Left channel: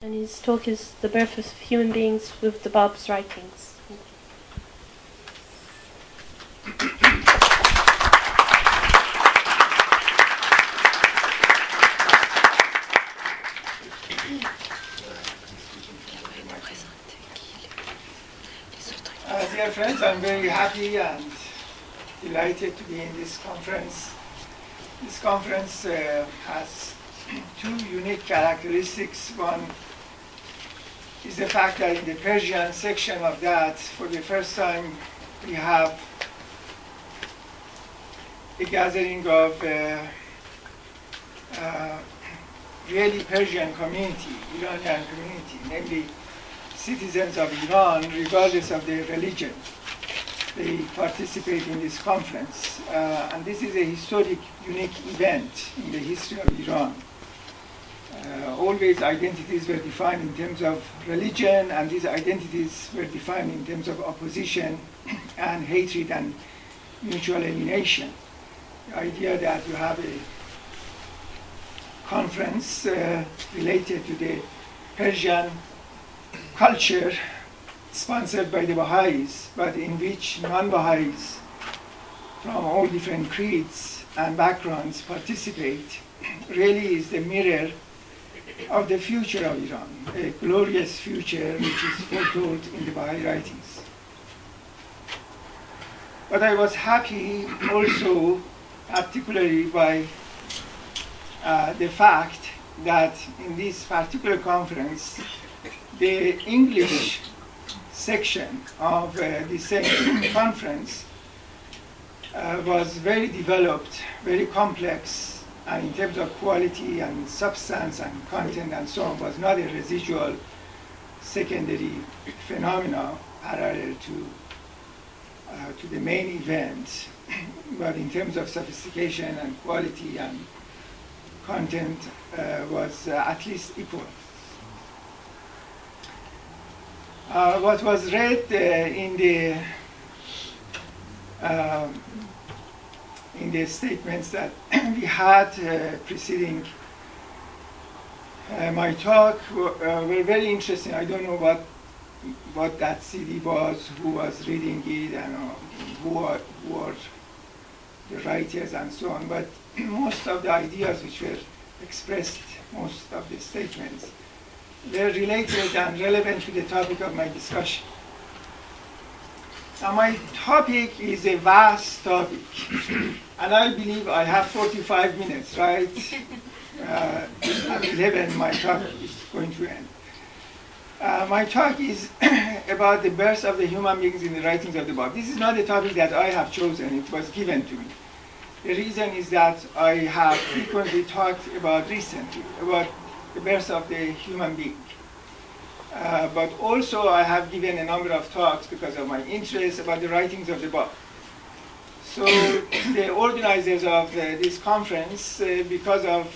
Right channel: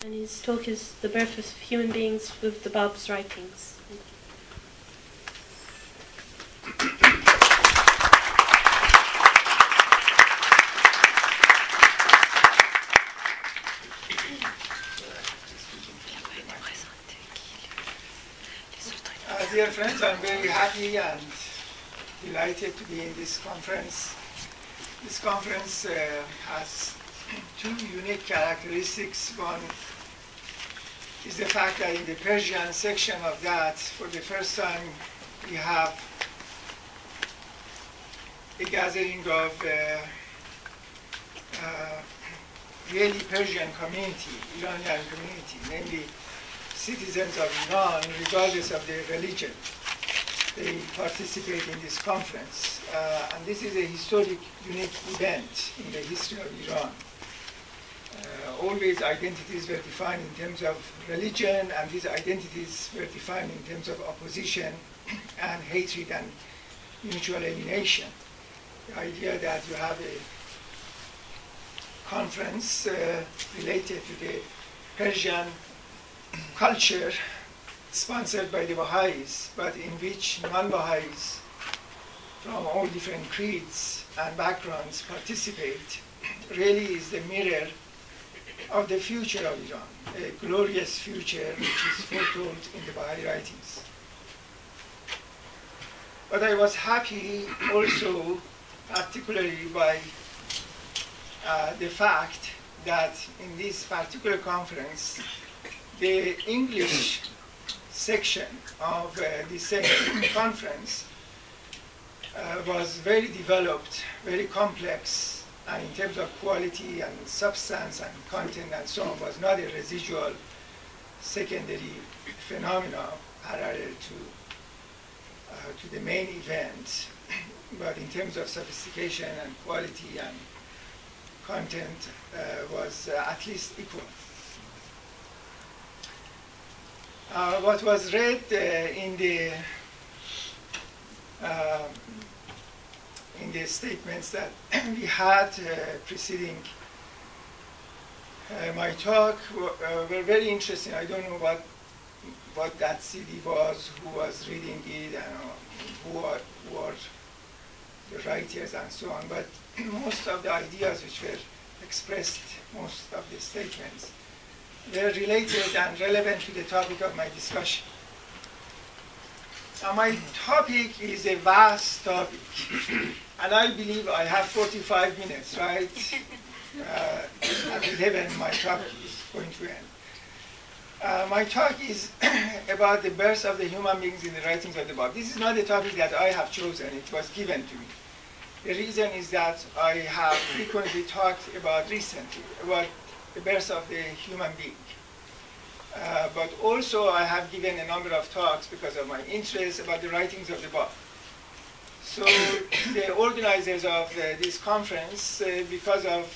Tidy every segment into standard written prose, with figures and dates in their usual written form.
And his talk is The Birth of Human Beings with the Bab's Writings. Dear friends, I'm very happy and delighted to be in this conference. This conference has two unique characteristics. One is the fact that in the Persian section of that, for the first time, we have a gathering of really Persian community, Iranian community, namely citizens of Iran, regardless of their religion. They participate in this conference. And this is a historic, unique event in the history of Iran. Always identities were defined in terms of religion, and these identities were defined in terms of opposition and hatred and mutual alienation. The idea that you have a conference related to the Persian culture sponsored by the Baha'is, but in which non-Baha'is from all different creeds and backgrounds participate, really is the mirror of the future of Iran, a glorious future which is foretold in the Baha'i writings. But I was happy also, particularly by the fact that in this particular conference, the English section of the same conference was very developed, very complex, and in terms of quality and substance and content and so on, was not a residual secondary phenomena parallel to the main event, but in terms of sophistication and quality and content was at least equal. What was read in the statements that we had preceding my talk were very interesting. I don't know what that CD was, who was reading it, and who are the writers and so on, but most of the ideas which were expressed, most of the statements, they're related and relevant to the topic of my discussion. Now, my topic is a vast topic, and I believe I have 45 minutes, right? At 11, my talk is going to end. My talk is about the birth of the human beings in the writings of the Bab. This is not a topic that I have chosen, it was given to me. The reason is that I have frequently talked recently about the birth of the human being. But also I have given a number of talks because of my interest about the writings of the Bab. So the organizers of this conference, because of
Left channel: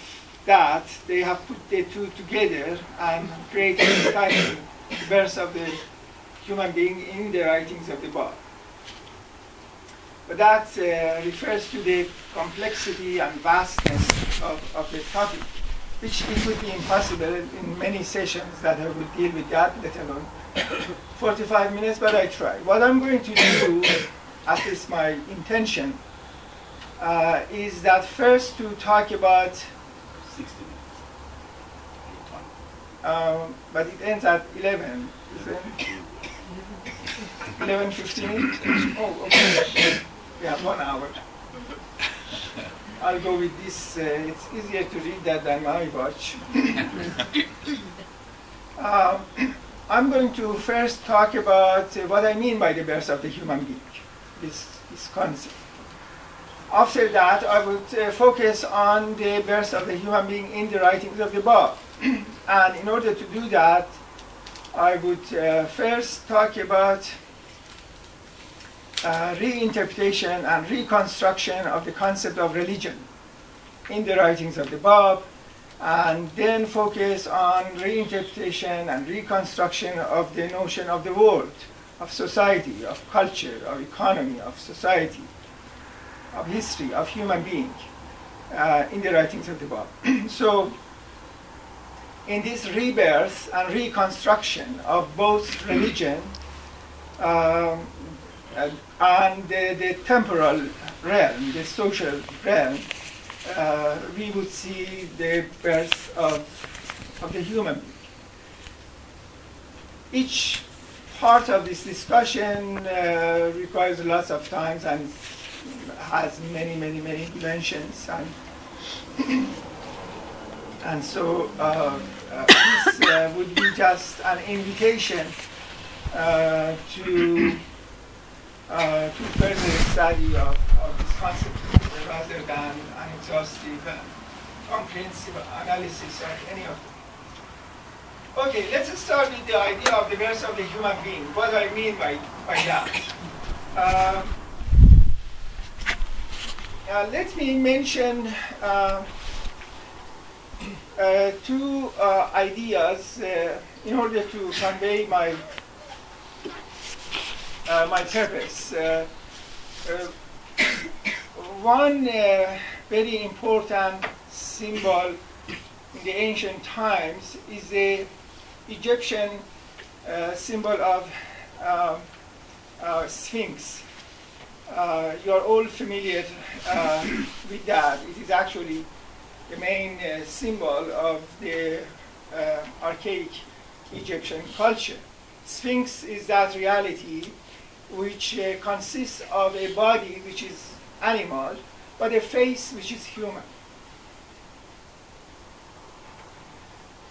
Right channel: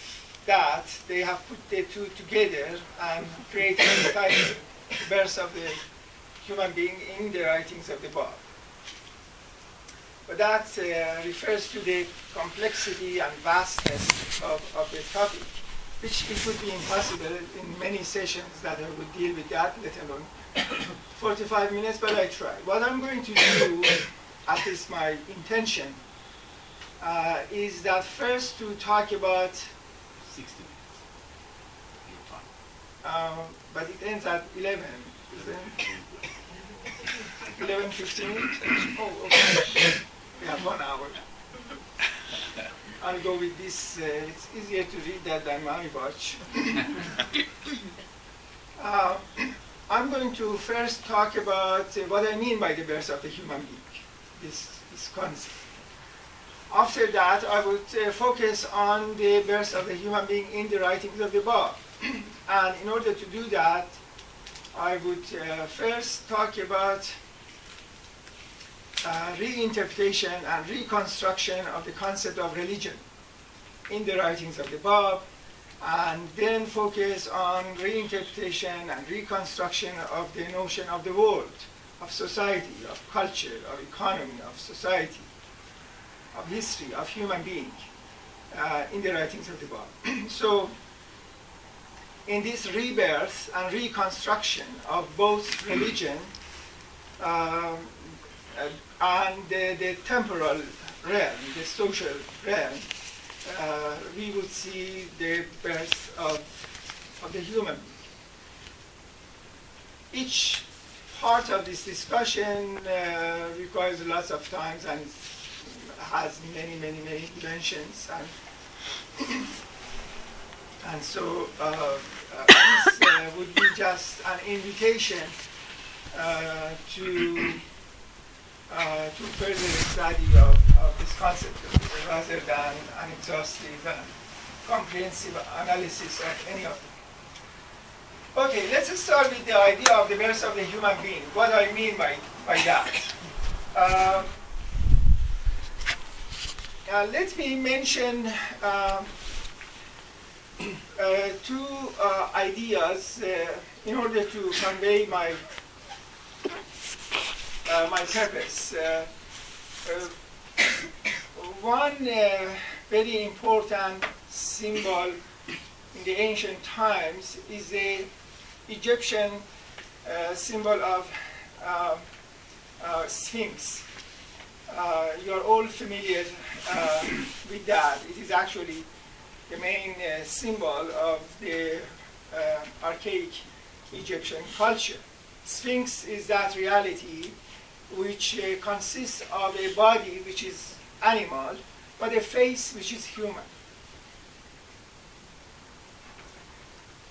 that, they have put the two together and created the title, Birth of the Human Being in the Writings of the Bab. But that refers to the complexity and vastness of the topic, which it would be impossible in many sessions that I would deal with that, let alone 45 minutes, but I try. What I'm going to do, at least my intention, is that first to talk about 60 minutes. But it ends at 11. 11:15? Oh, okay. We have 1 hour. I'll go with this. It's easier to read that than my watch. I'm going to first talk about what I mean by the birth of the human being, this concept. After that, I would focus on the birth of the human being in the writings of the Bab. And in order to do that, I would first talk about reinterpretation and reconstruction of the concept of religion in the writings of the Bab, and then focus on reinterpretation and reconstruction of the notion of the world, of society, of culture, of economy, of society, of history, of human being in the writings of the Bab. So in this rebirth and reconstruction of both religion and the temporal realm, the social realm, we would see the birth of the human being. Each part of this discussion requires lots of time and has many dimensions, and so this would be just an invitation to further study of this concept rather than an exhaustive, comprehensive analysis of any of them. Okay, let's start with the idea of the birth of the human being. What do I mean by that? Let me mention two ideas in order to convey my purpose. One very important symbol in the ancient times is the Egyptian symbol of Sphinx. You're all familiar with that. It is actually the main symbol of the archaic Egyptian culture. Sphinx is that reality which consists of a body which is animal, but a face which is human.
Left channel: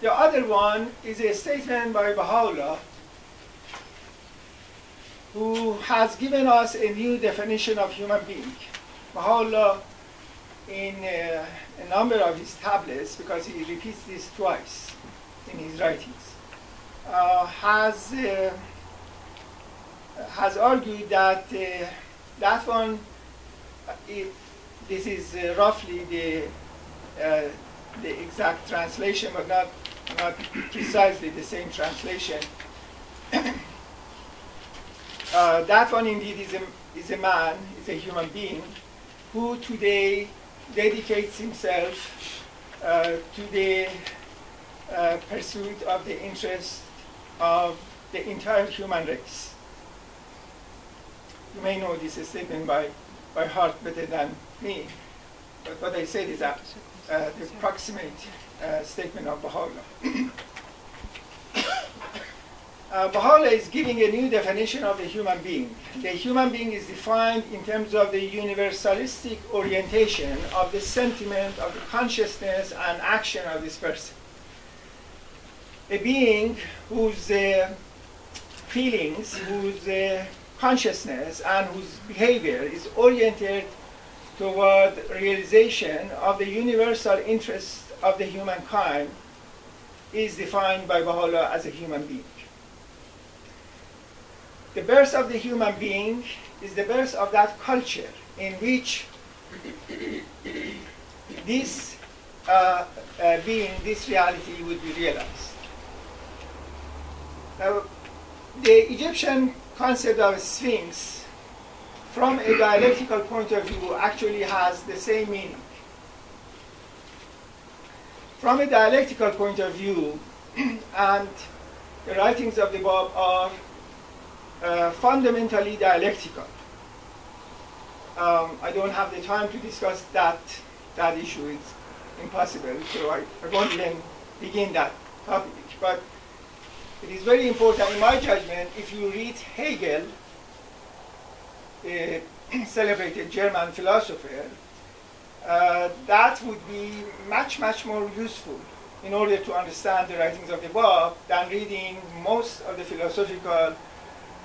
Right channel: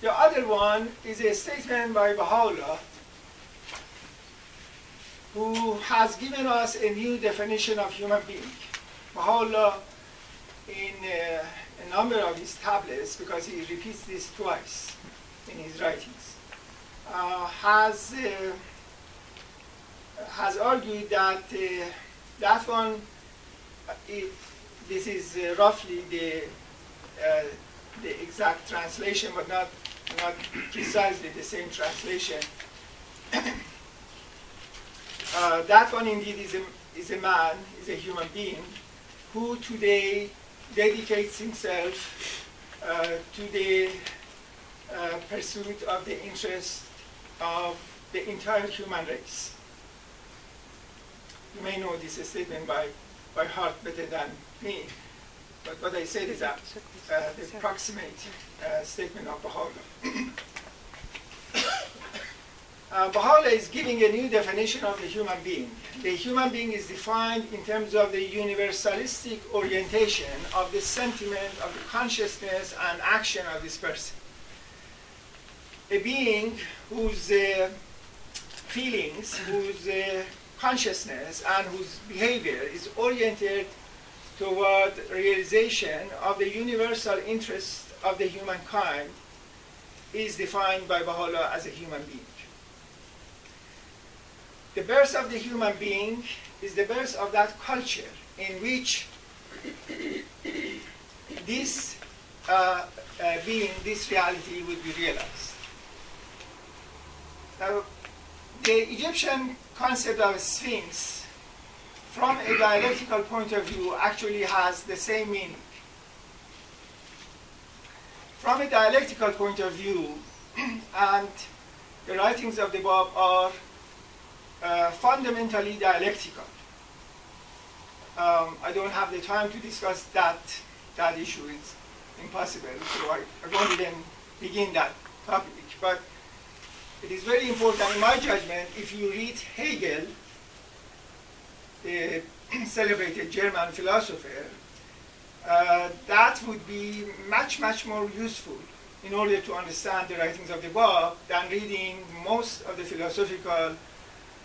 The other one is a statement by Baha'u'llah, who has given us a new definition of human being. Baha'u'llah, in a number of his tablets, because he repeats this twice in his writings, has argued that that one, this is roughly the exact translation, but not precisely the same translation. That one indeed is a man, is a human being, who today dedicates himself to the pursuit of the interest of the entire human race. You may know this statement by heart better than me, but what I said is that the approximate statement of Baha'u'llah. Baha'u'llah is giving a new definition of the human being. The human being is defined in terms of the universalistic orientation of the sentiment, of the consciousness and action of this person. A being whose feelings, whose consciousness and whose behavior is oriented toward realization of the universal interest of the humankind is defined by Baha'u'llah as a human being. The birth of the human being is the birth of that culture in which this being, this reality would be realized. Now, the Egyptian concept of Sphinx, from a dialectical point of view, actually has the same meaning. From a dialectical point of view, and the writings of the Bab are fundamentally dialectical. I don't have the time to discuss that issue. It's impossible, so I won't even begin that topic. But it is very important, in my judgment, if you read Hegel, the celebrated German philosopher, that would be much more useful in order to understand the writings of the Bab than reading most of the philosophical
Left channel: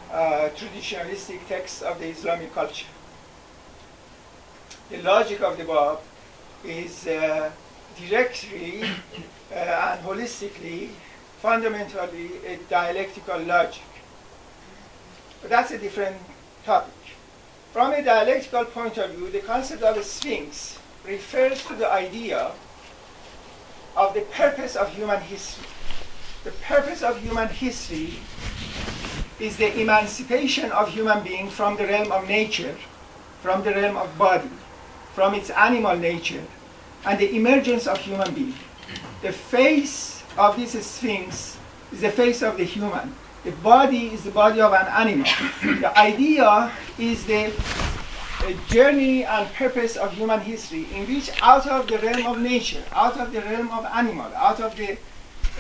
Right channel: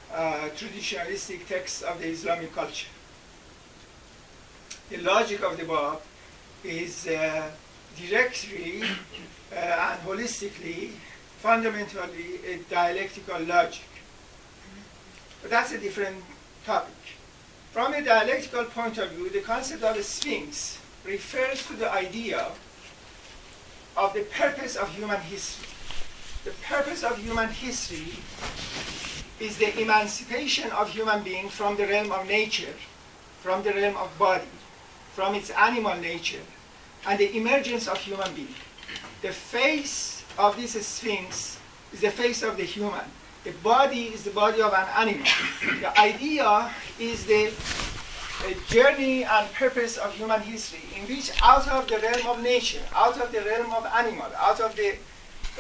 traditionalistic texts of the Islamic culture. The logic of the Bab is directly and holistically, fundamentally a dialectical logic. But that's a different topic. From a dialectical point of view, the concept of a Sphinx refers to the idea of the purpose of human history. The purpose of human history is the emancipation of human beings from the realm of nature, from the realm of body, from its animal nature, and the emergence of human being. The face of this sphinx is the face of the human. The body is the body of an animal. The idea is the journey and purpose of human history, in which out of the realm of nature, out of the realm of animal, out of the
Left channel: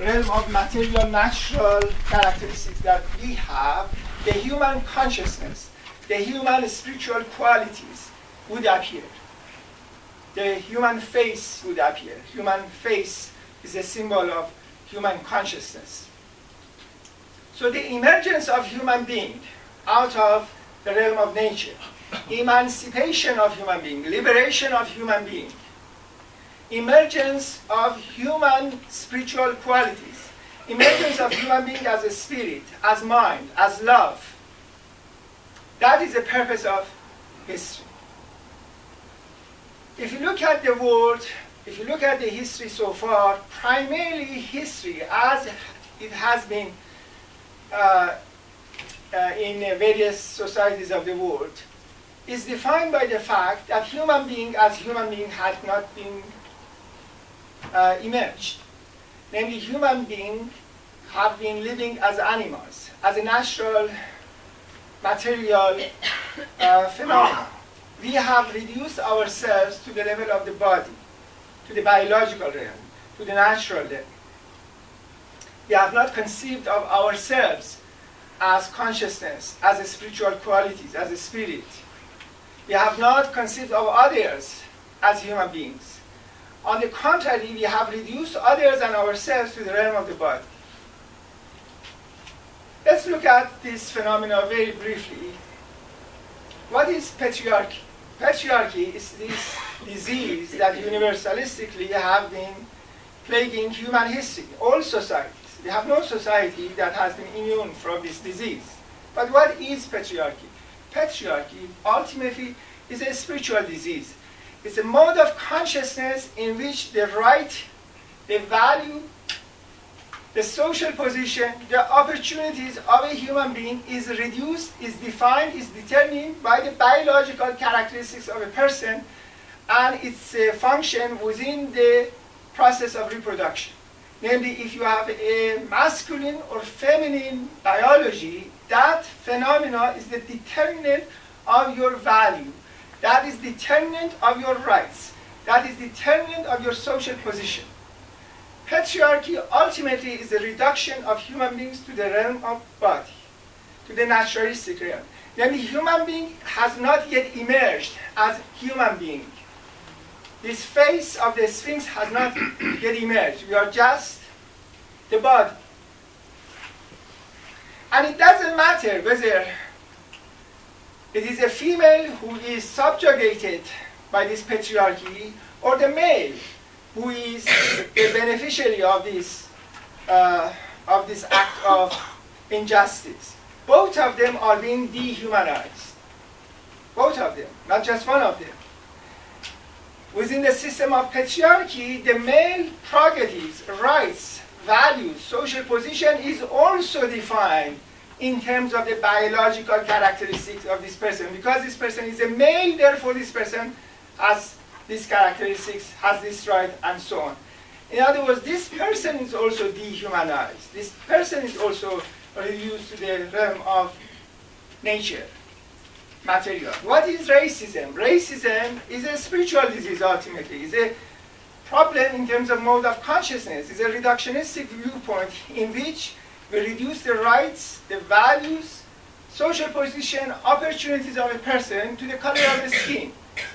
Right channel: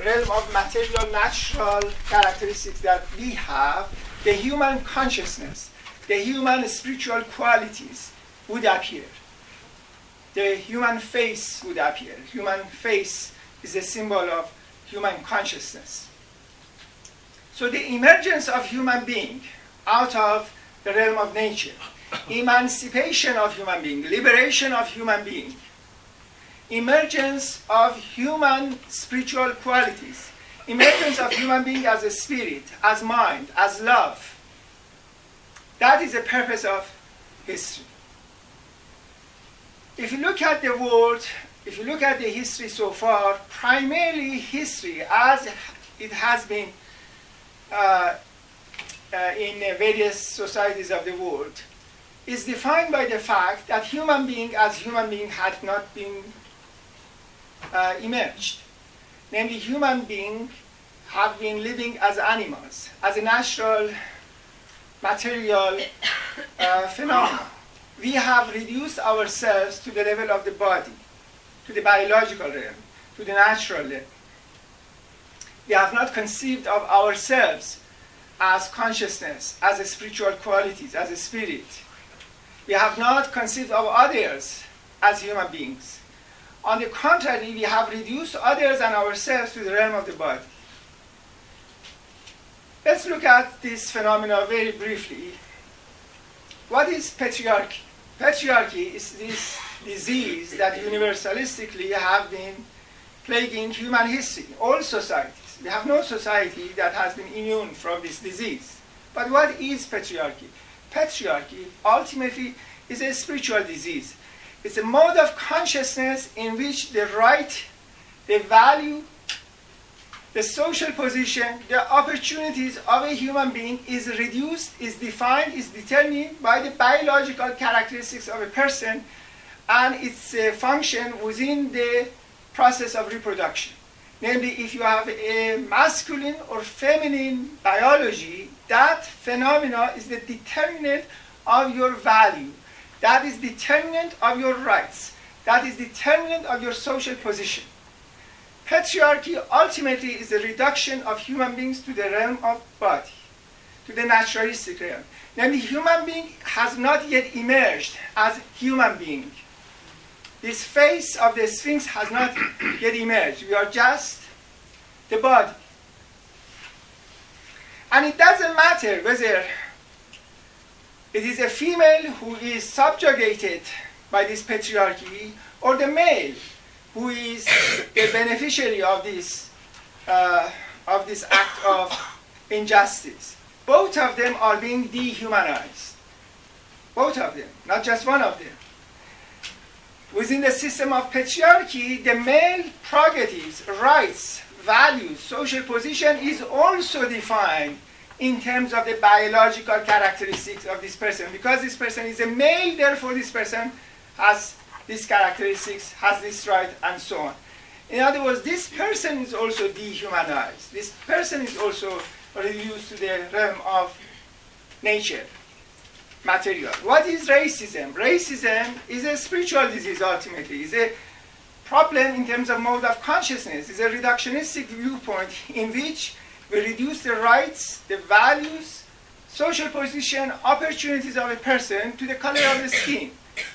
realm of material, natural characteristics that we have, the human consciousness, the human spiritual qualities would appear. The human face would appear. Human face is a symbol of human consciousness. So the emergence of human being out of the realm of nature, emancipation of human being, liberation of human being, emergence of human spiritual qualities, emergence of human being as a spirit, as mind, as love. That is the purpose of history. If you look at the world, if you look at the history so far, primarily history as it has been in various societies of the world, is defined by the fact that human being as human being had not been emerged. Namely, human beings have been living as animals, as a natural material phenomenon. We have reduced ourselves to the level of the body, to the biological realm, to the natural level. We have not conceived of ourselves as consciousness, as a spiritual qualities, as a spirit. We have not conceived of others as human beings. On the contrary, we have reduced others and ourselves to the realm of the body. Let's look at this phenomena very briefly. What is patriarchy? Patriarchy is this disease that universalistically have been plaguing human history, all societies. We have no society that has been immune from this disease. But what is patriarchy? Patriarchy ultimately is a spiritual disease. It's a mode of consciousness in which the right, the value, the social position, the opportunities of a human being is reduced, is defined, is determined by the biological characteristics of a person and its function within the process of reproduction. Namely, if you have a masculine or feminine biology, that phenomena is the determinant of your value. That is determinant of your rights. That is determinant of your social position. Patriarchy ultimately is the reduction of human beings to the realm of body, to the naturalistic realm. Namely, human being has not yet emerged as human being. This face of the Sphinx has not yet emerged. We are just the body. And it doesn't matter whether it is a female who is subjugated by this patriarchy or the male who is the beneficiary of this act of injustice. Both of them are being dehumanized. Both of them, not just one of them. Within the system of patriarchy, the male prerogatives, rights, values, social position is also defined in terms of the biological characteristics of this person. Because this person is a male, therefore this person has these characteristics, has this right, and so on. In other words, this person is also dehumanized. This person is also reduced to the realm of nature, material. What is racism? Racism is a spiritual disease ultimately. It's a problem in terms of mode of consciousness. It's a reductionistic viewpoint in which we reduce the rights, the values, social position, opportunities of a person to the color of the skin.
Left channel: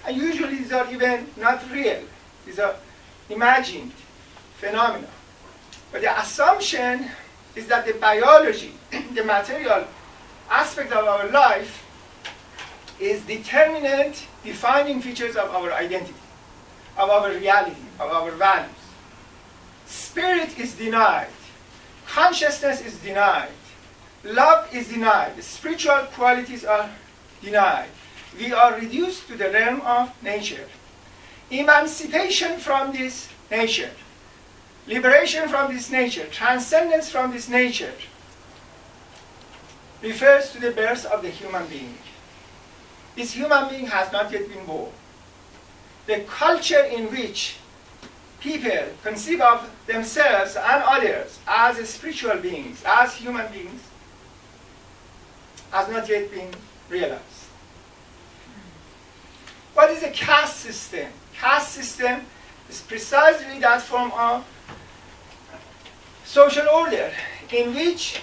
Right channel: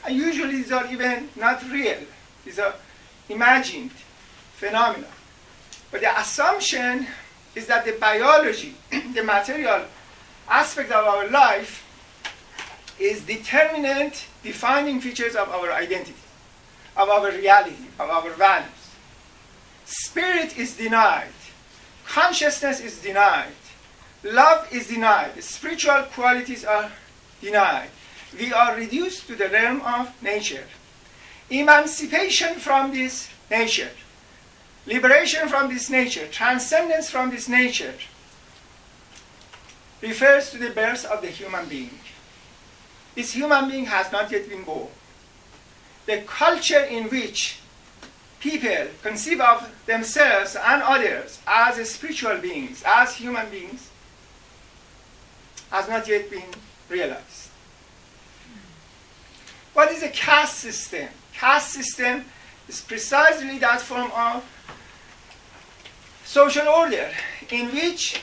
And usually these are even not real. These are imagined phenomena. But the assumption is that the biology, the material aspect of our life is determinant, defining features of our identity, of our reality, of our values. Spirit is denied. Consciousness is denied. Love is denied. Spiritual qualities are denied. We are reduced to the realm of nature. Emancipation from this nature, liberation from this nature, transcendence from this nature refers to the birth of the human being. This human being has not yet been born. The culture in which people conceive of themselves and others as spiritual beings, as human beings, has not yet been realized. What is a caste system? Caste system is precisely that form of social order in which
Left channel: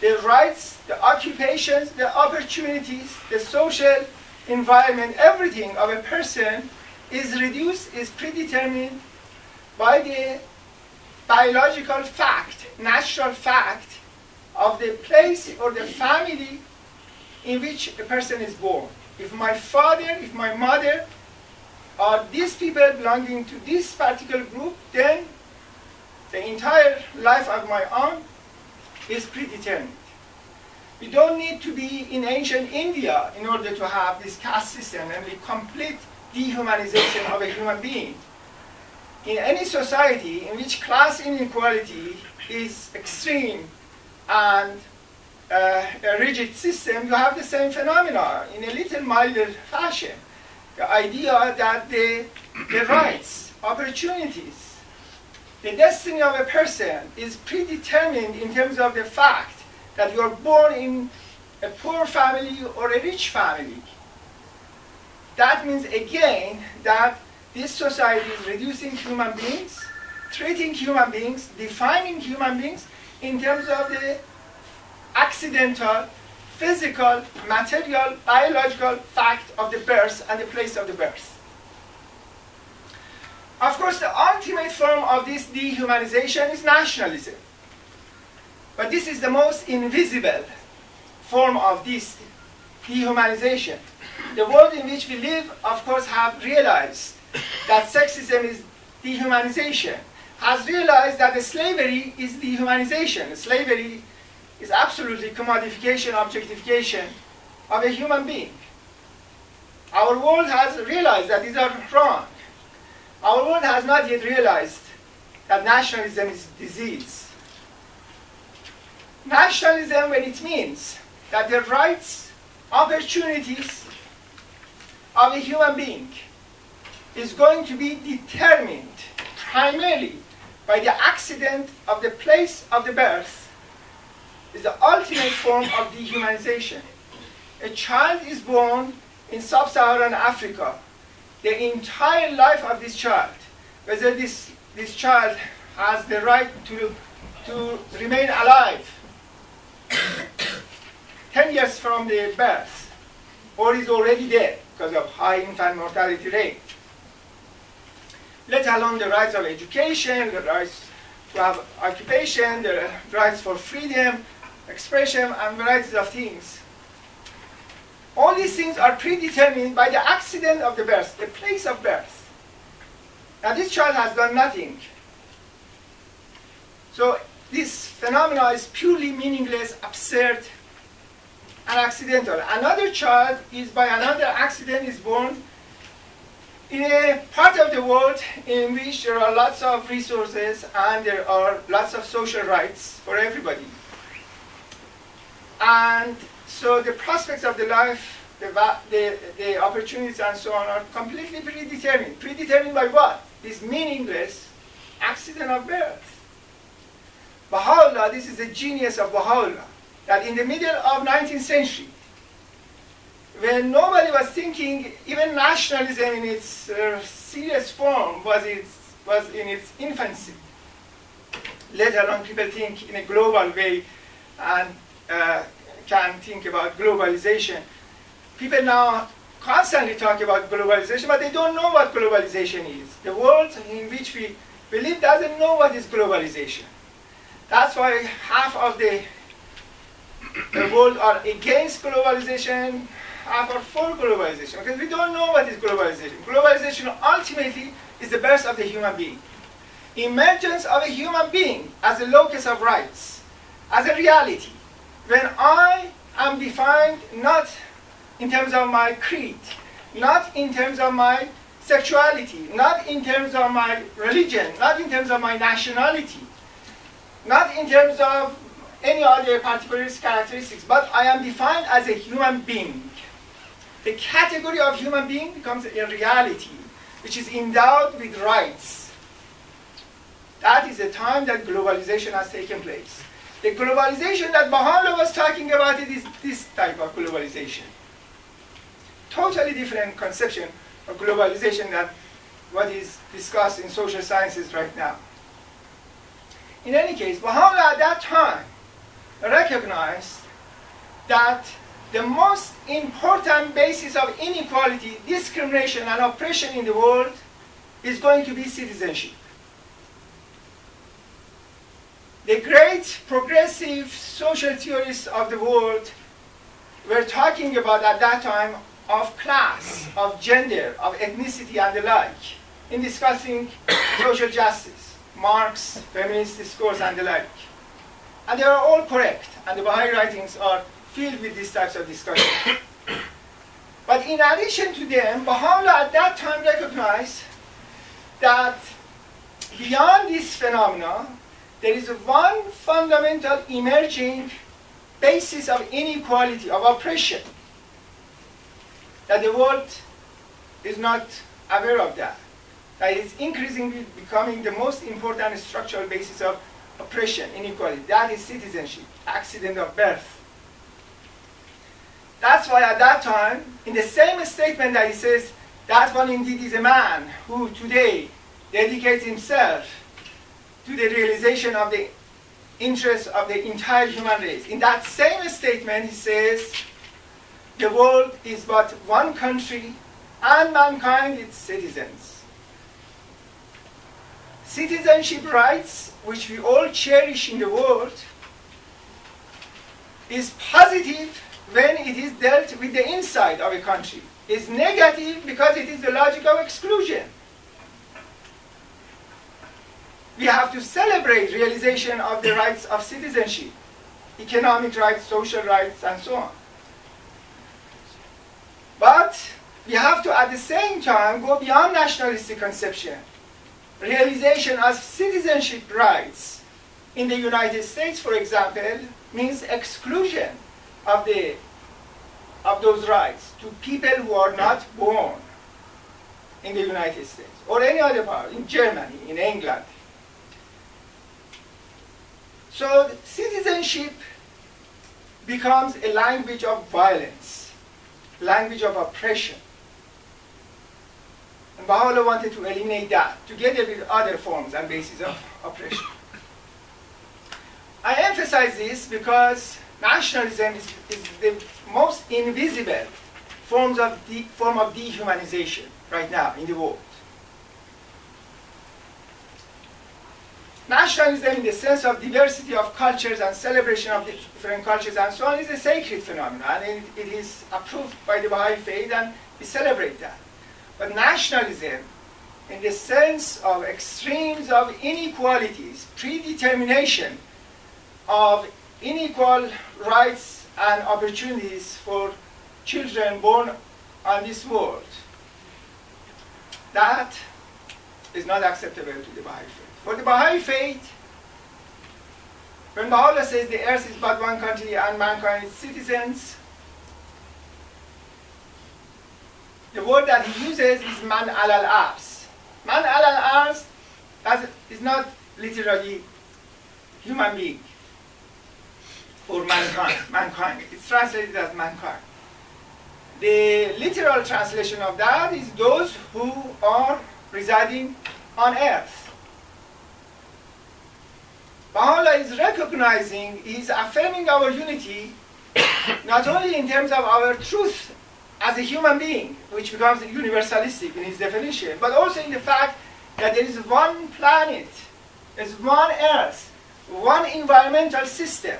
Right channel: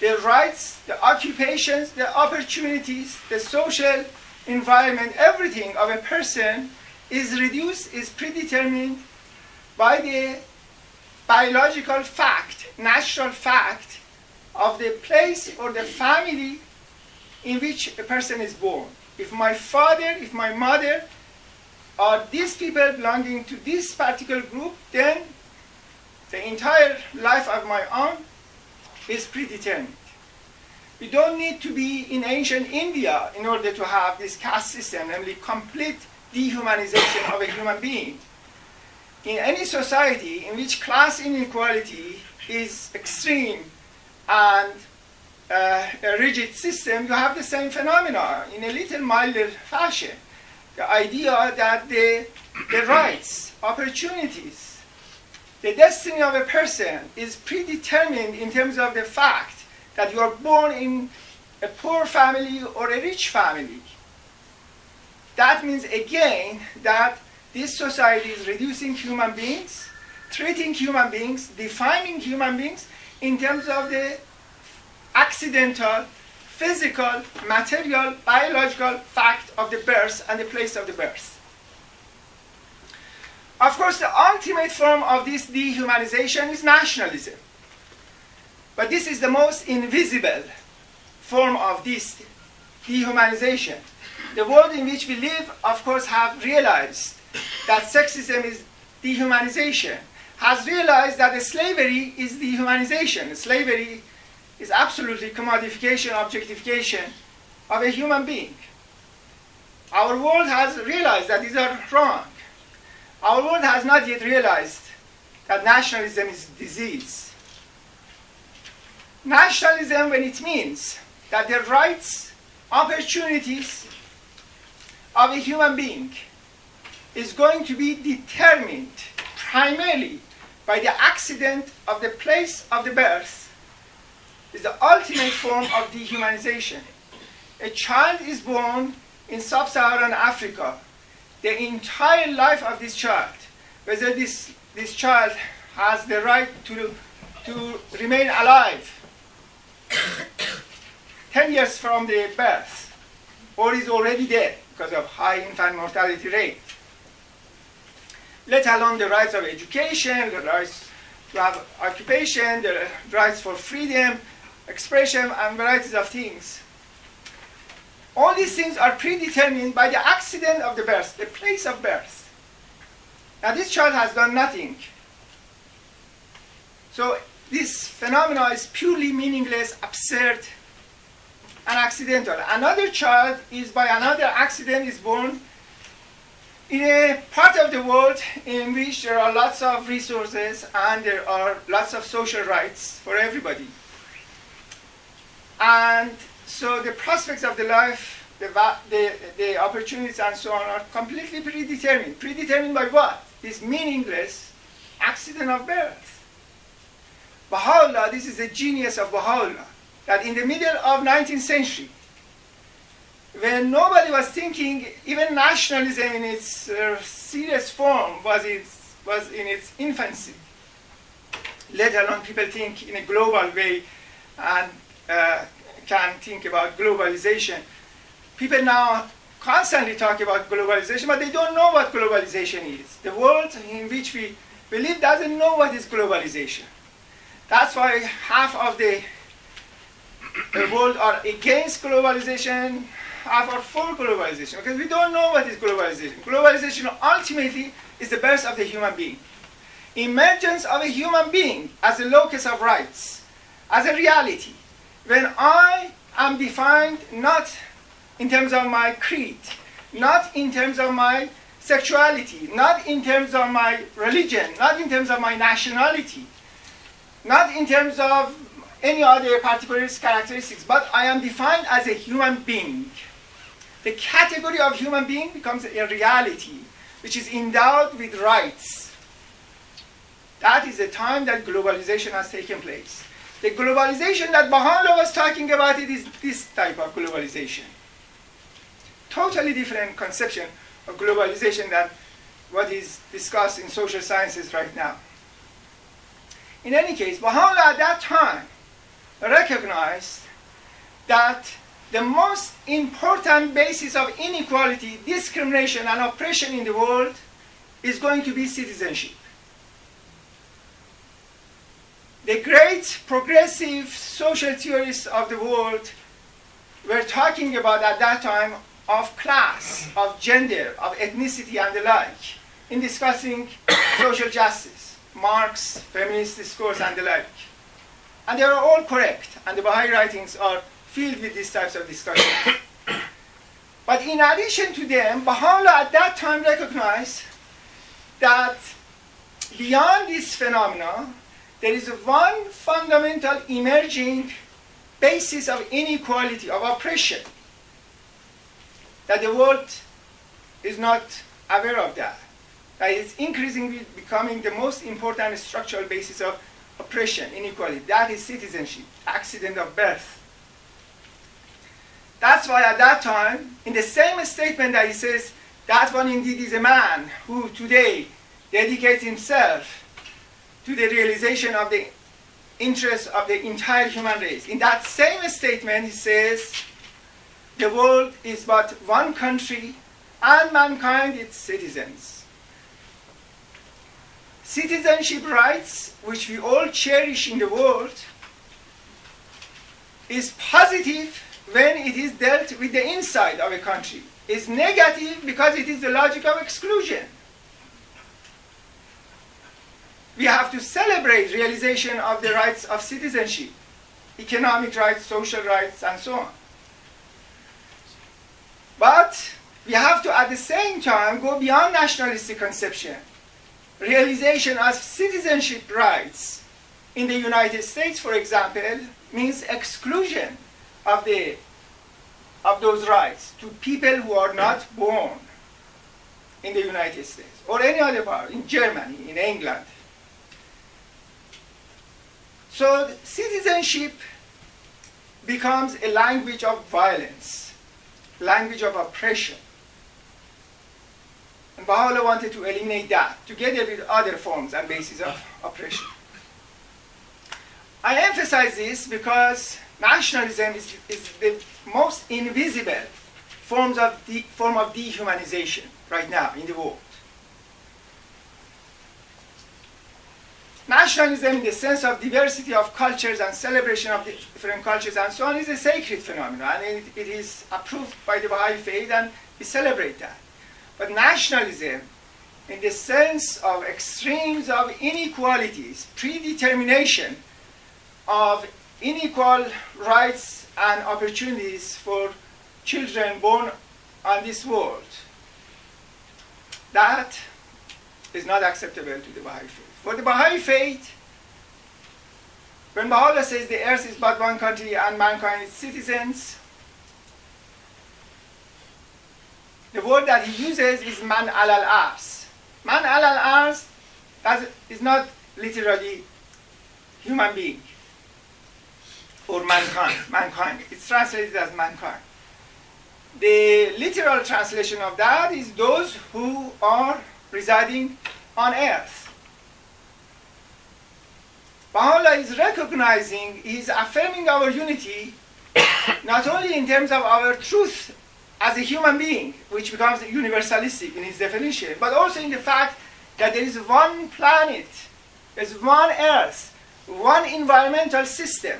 the rights, the occupations, the opportunities, the social environment, everything of a person is reduced, is predetermined by the biological fact, natural fact of the place or the family in which a person is born. If my father, if my mother are these people belonging to this particular group, then the entire life of my own is predetermined. We don't need to be in ancient India in order to have this caste system, namely complete dehumanization of a human being. In any society in which class inequality is extreme and a rigid system, you have the same phenomena in a little milder fashion. The idea that the rights, opportunities, the destiny of a person is predetermined in terms of the fact that you are born in a poor family or a rich family. That means again that this society is reducing human beings, treating human beings, defining human beings in terms of the accidental, physical, material, biological fact of the birth and the place of the birth. Of course, the ultimate form of this dehumanization is nationalism. But this is the most invisible form of this dehumanization. The world in which we live, of course, have realized that sexism is dehumanization, has realized that the slavery is dehumanization. Slavery is absolutely commodification, objectification of a human being. Our world has realized that these are wrong. Our world has not yet realized that nationalism is disease. Nationalism, when it means that the rights, opportunities of a human being is going to be determined primarily by the accident of the place of the birth, is the ultimate form of dehumanization. A child is born in sub-Saharan Africa. The entire life of this child, whether this child has the right to remain alive 10 years from the birth, or is already dead because of high infant mortality rate, let alone the rights of education, the rights to have occupation, the rights for freedom, expression, and varieties of things. All these things are predetermined by the accident of the birth, the place of birth. Now this child has done nothing. So this phenomena is purely meaningless, absurd, and accidental. Another child is by another accident is born in a part of the world in which there are lots of resources and there are lots of social rights for everybody. And so the prospects of the life, the opportunities and so on are completely predetermined. Predetermined by what? This meaningless accident of birth. Baha'u'llah, this is the genius of Baha'u'llah, that in the middle of 19th century, when nobody was thinking, even nationalism in its serious form was in its infancy, let alone people think in a global way and can think about globalization. People now constantly talk about globalization, but they don't know what globalization is. The world in which we live doesn't know what is globalization. That's why half of the world are against globalization, half are for globalization, because we don't know what is globalization. Globalization ultimately is the birth of the human being. Emergence of a human being as a locus of rights, as a reality. When I am defined not in terms of my creed, not in terms of my sexuality, not in terms of my religion, not in terms of my nationality, not in terms of any other particular characteristics, but I am defined as a human being. The category of human being becomes a reality which is endowed with rights. That is the time that globalization has taken place. The globalization that Baha'u'llah was talking about is this type of globalization. Totally different conception of globalization than what is discussed in social sciences right now. In any case, Baha'u'llah at that time recognized that the most important basis of inequality, discrimination, and oppression in the world is going to be citizenship. The great progressive social theorists of the world were talking about at that time of class, of gender, of ethnicity, and the like, in discussing social justice, Marx, feminist discourse, and the like. And they are all correct, and the Baha'i writings are filled with these types of discussions. But in addition to them, Baha'u'llah at that time recognized that beyond this phenomena, there is one fundamental emerging basis of inequality, of oppression, that the world is not aware of that. That is increasingly becoming the most important structural basis of oppression, inequality. That is citizenship, accident of birth. That's why at that time, in the same statement that he says, that one indeed is a man who today dedicates himself to the realization of the interests of the entire human race. In that same statement, he says, the world is but one country, and mankind its citizens. Citizenship rights, which we all cherish in the world, is positive when it is dealt with the inside of a country. Is negative because it is the logic of exclusion. We have to celebrate realization of the rights of citizenship, economic rights, social rights, and so on. But we have to, at the same time, go beyond nationalistic conception. Realization of citizenship rights in the United States, for example, means exclusion of those rights to people who are not born in the United States or any other part, in Germany, in England. So citizenship becomes a language of violence, language of oppression. And Baha'u'llah wanted to eliminate that, together with other forms and bases of oppression. I emphasize this because nationalism is the most invisible form of dehumanization right now in the world. Nationalism, in the sense of diversity of cultures and celebration of different cultures and so on, is a sacred phenomenon, and it is approved by the Baha'i faith, and we celebrate that. But nationalism, in the sense of extremes of inequalities, predetermination of unequal rights and opportunities for children born on this world, that is not acceptable to the Baha'i faith. For the Baha'i faith, when Baha'u'llah says the earth is but one country and mankind its citizens, the word that he uses is man alal ars. Man alal ars is not literally human being or mankind. It's translated as mankind. The literal translation of that is those who are residing on earth. Baha'u'llah is recognizing, is affirming our unity, not only in terms of our truth as a human being, which becomes universalistic in its definition, but also in the fact that there is one planet, there's one earth, one environmental system,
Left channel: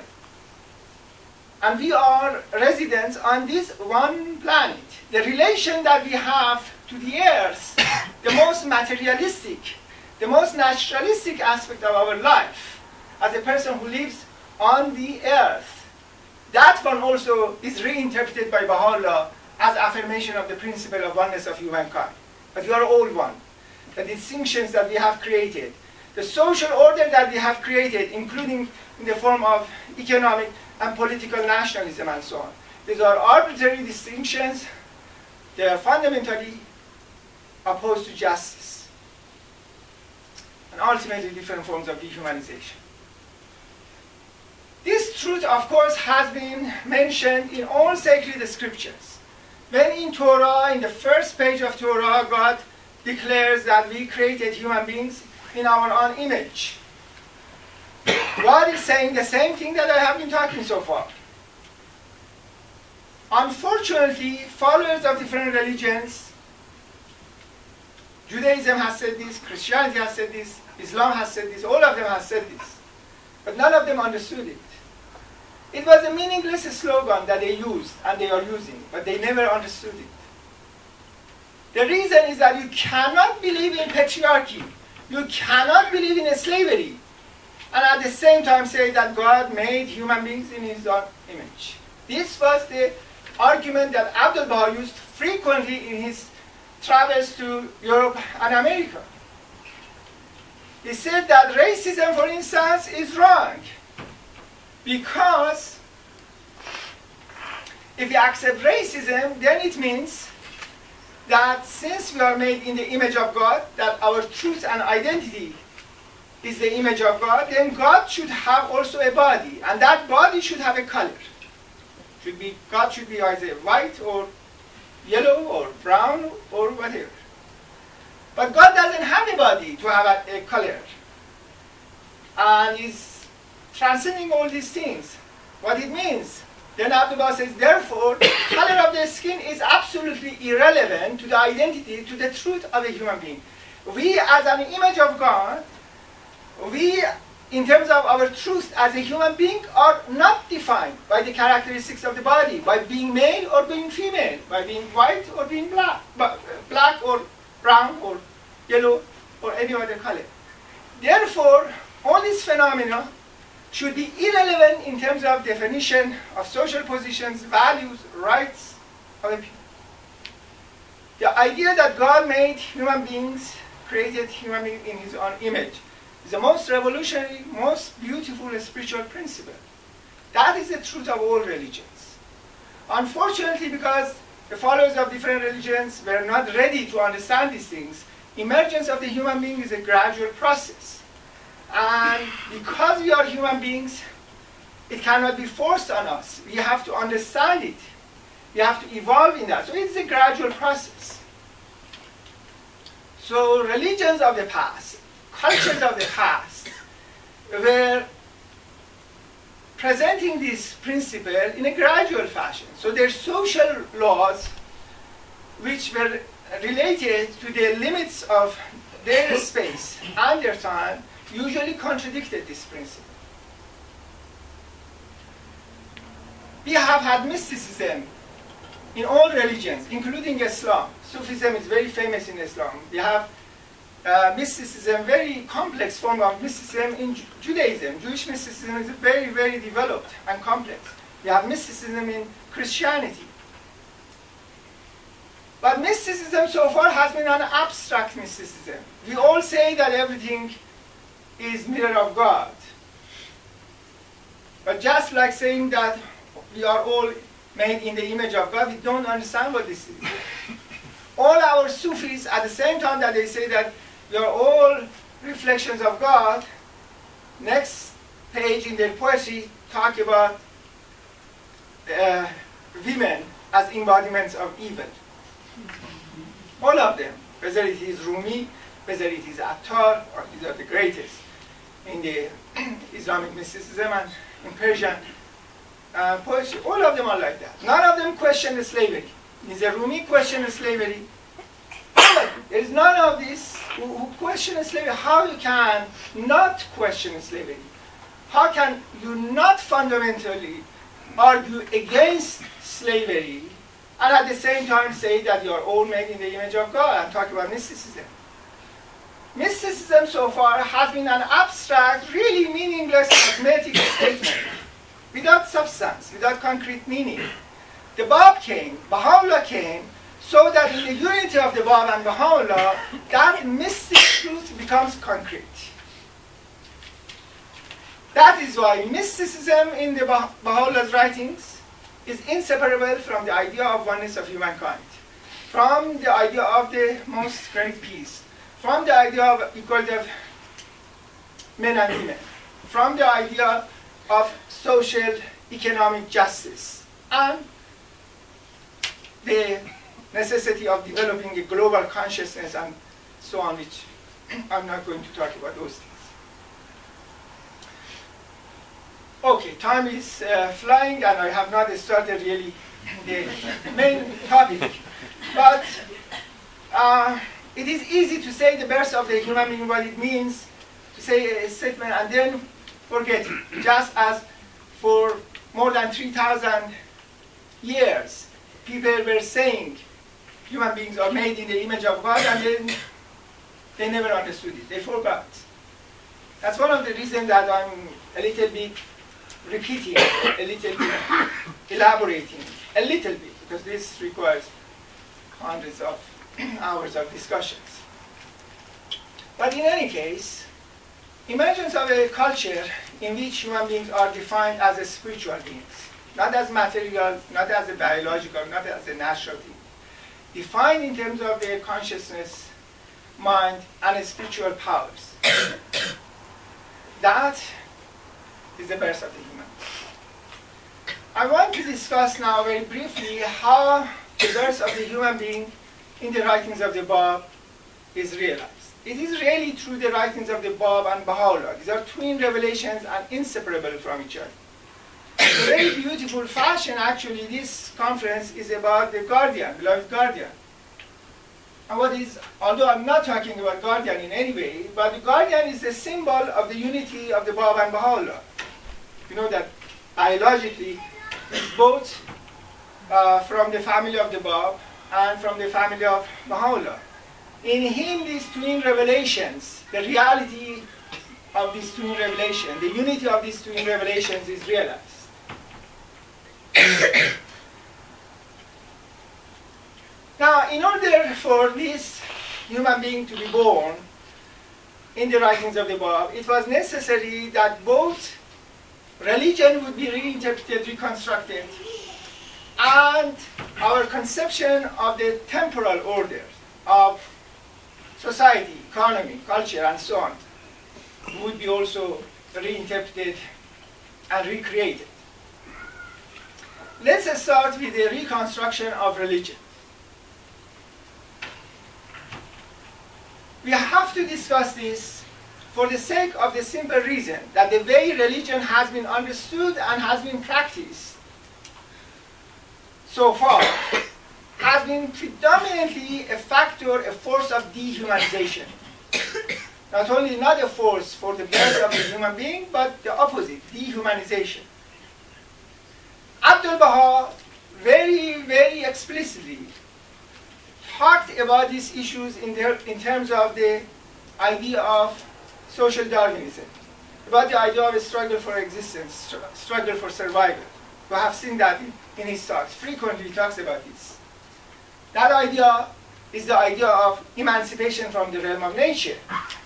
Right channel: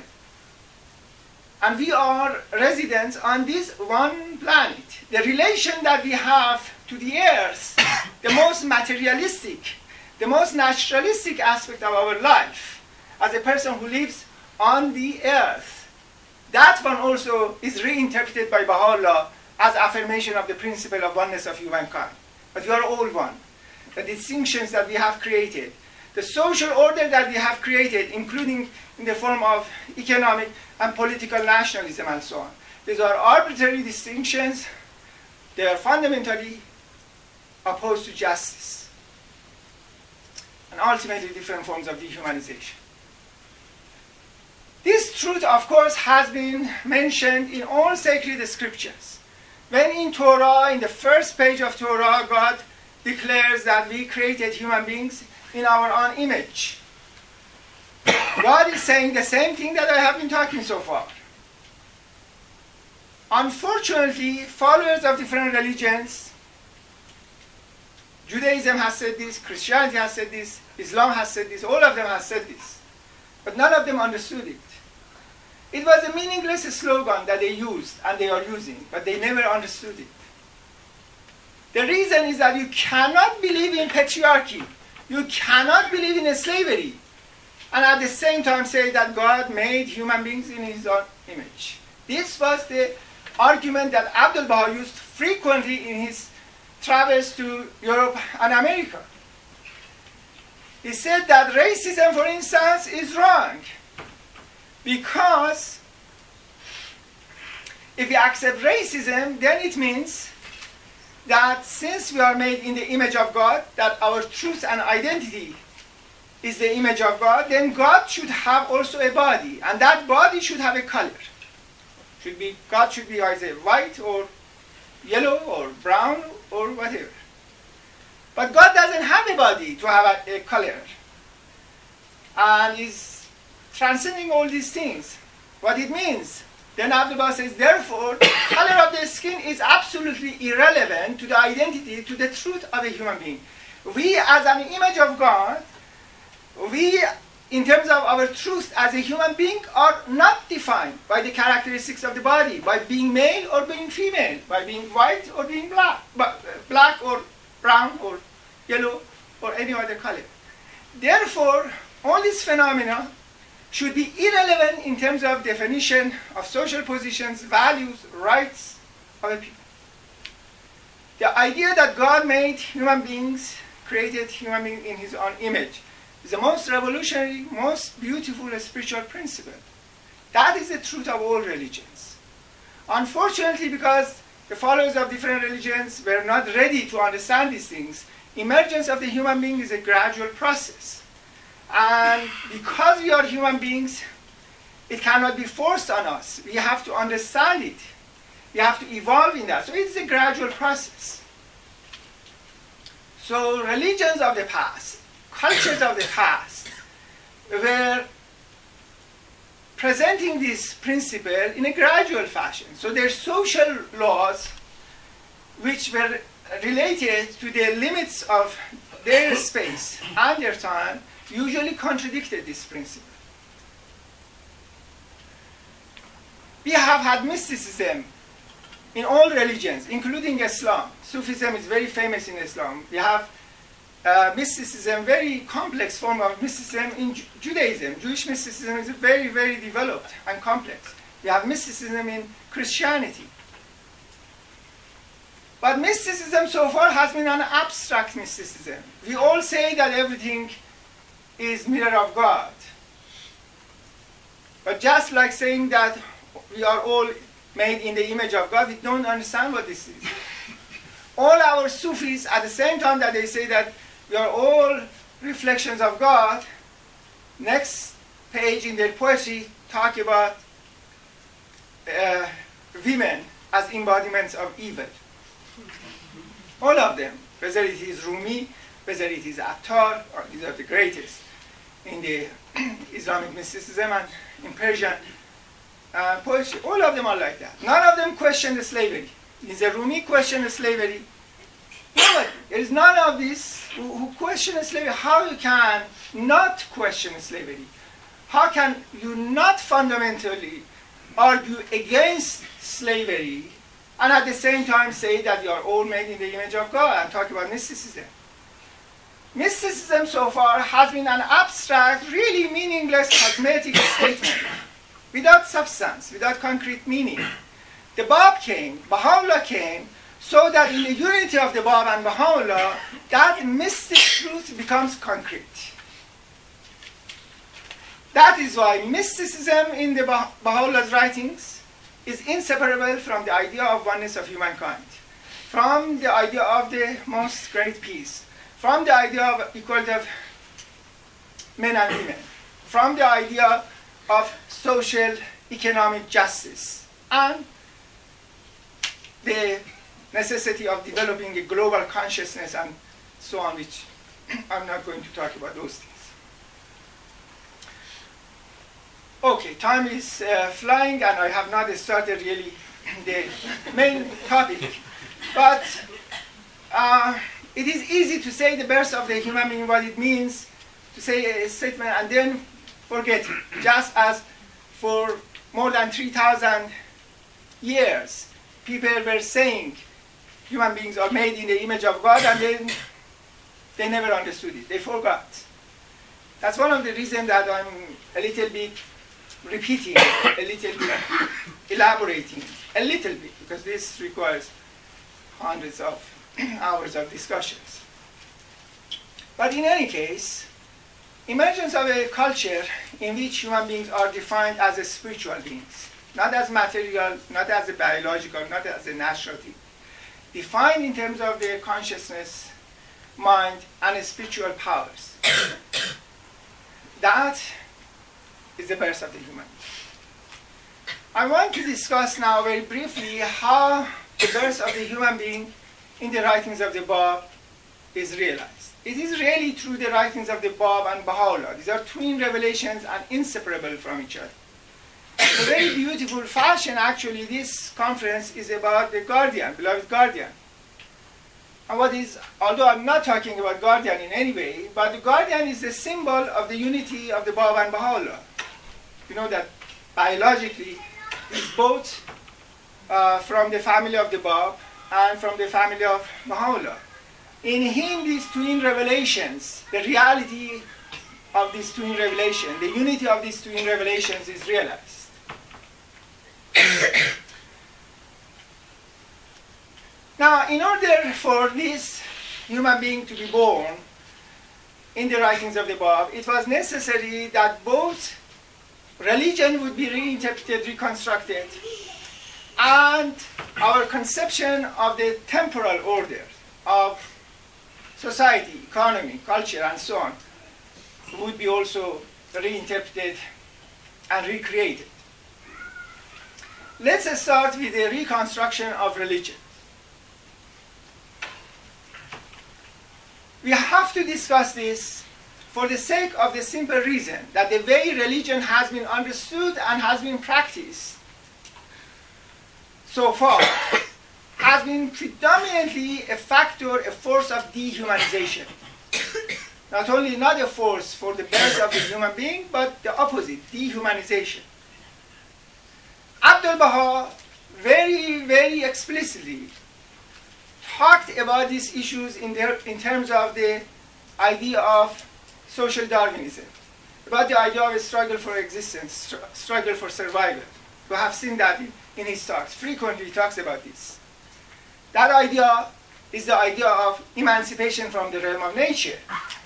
and we are residents on this one planet. The relation that we have to the earth, the most materialistic, the most naturalistic aspect of our life, as a person who lives on the earth, that one also is reinterpreted by Baha'u'llah as affirmation of the principle of oneness of humankind. But we are all one. The distinctions that we have created, the social order that we have created, including in the form of economic and political nationalism and so on, these are arbitrary distinctions. They are fundamentally opposed to justice. And and ultimately different forms of dehumanization. This truth, of course, has been mentioned in all sacred scriptures. When in Torah, in the first page of Torah, God declares that we created human beings in our own image. God is saying the same thing that I have been talking so far. Unfortunately, followers of different religions, Judaism has said this, Christianity has said this, Islam has said this, all of them have said this. But none of them understood it. It was a meaningless slogan that they used and they are using, but they never understood it. The reason is that you cannot believe in patriarchy. You cannot believe in slavery. And at the same time say that God made human beings in his own image. This was the argument that Abdul Baha used frequently in his travels to Europe and America. He said that racism, for instance, is wrong. Because if we accept racism, then it means that since we are made in the image of God, that our truth and identity is the image of God, then God should have also a body, and that body should have a color. God should be either white or yellow or brown or whatever. But God doesn't have a body to have a color, and is transcending all these things. What it means? Then Abdul Baha says, therefore, color of the skin is absolutely irrelevant to the identity, to the truth of a human being. We, as an image of God, we, in terms of our truth as a human being, are not defined by the characteristics of the body, by being male or being female, by being white or being black or brown or yellow or any other color. Therefore, all these phenomena should be irrelevant in terms of definition of social positions, values, rights of a people. The idea that God made human beings, created human beings in his own image, is the most revolutionary, most beautiful spiritual principle. That is the truth of all religions. Unfortunately, because the followers of different religions were not ready to understand these things, emergence of the human being is a gradual process. And because we are human beings, it cannot be forced on us. We have to understand it. We have to evolve in that. So it's a gradual process. So religions of the past, cultures of the past, were presenting this principle in a gradual fashion. So their social laws, which were related to the limits of their space and their time, usually contradicted this principle. We have had mysticism in all religions, including Islam. Sufism is very famous in Islam. We have mysticism, very complex form of mysticism in Judaism. Jewish mysticism is very, very developed and complex. We have mysticism in Christianity. But mysticism so far has been an abstract mysticism. We all say that everything is mirror of God. But just like saying that we are all made in the image of God, we don't understand what this is. All our Sufis, at the same time that they say that we are all reflections of God, next page in their poetry talk about women as embodiments of evil. All of them, whether it is Rumi, whether it is Attar, or these are the greatest in the Islamic mysticism and in Persian poetry, all of them are like that. None of them question the slavery. Is the Rumi question the slavery? There is none of this who question slavery. How you can not question slavery? How can you not fundamentally argue against slavery and at the same time say that you are all made in the image of God and talk about mysticism? Mysticism so far has been an abstract, really meaningless cosmetic statement without substance, without concrete meaning. The Bab came, Baha'u'llah came, so that in the unity of the Bab and Baha'u'llah, that mystic truth becomes concrete. That is why mysticism in the Baha'u'llah's writings is inseparable from the idea of oneness of humankind, from the idea of the most great peace, from the idea of equality of men and women, from the idea of social economic justice and the necessity of developing a global consciousness and so on, which I'm not going to talk about those things. Okay, time is flying and I have not started really the main topic. But it is easy to say the birth of the human being, what it means, to say a statement and then forget it. Just as for more than 3,000 years, people were saying human beings are made in the image of God, and then they never understood it. They forgot. That's one of the reasons that I'm a little bit repeating, a little bit elaborating, a little bit, because this requires hundreds of hours of discussions. But in any case, emergence of a culture in which human beings are defined as a spiritual beings, not as material, not as a biological, not as a natural thing, defined in terms of their consciousness, mind, and spiritual powers. That is the birth of the human being. I want to discuss now very briefly how the birth of the human being in the writings of the Bab is realized. It is really through the writings of the Bab and Baha'u'llah. These are twin revelations and inseparable from each other. In a very beautiful fashion, actually, this conference is about the guardian, beloved guardian. And what is, although I'm not talking about guardian in any way, but the guardian is the symbol of the unity of the Bab and Baha'u'llah. You know that biologically, it's both from the family of the Bab and from the family of Baha'u'llah. In him, these twin revelations, the reality of these twin revelations, the unity of these twin revelations is realized. Now, in order for this human being to be born in the writings of the Bab, it was necessary that both religion would be reinterpreted, reconstructed, and our conception of the temporal order of society, economy, culture, and so on would be also reinterpreted and recreated. Let's start with the reconstruction of religion. We have to discuss this for the sake of the simple reason that the way religion has been understood and has been practiced so far has been predominantly a factor, a force of dehumanization. Not a force for the birth of the human being, but the opposite, dehumanization. Abdu'l-Baha very, very explicitly talked about these issues in terms of the idea of social Darwinism, about the idea of a struggle for existence, struggle for survival. We have seen that in his talks. Frequently he talks about this. That idea is the idea of emancipation from the realm of nature.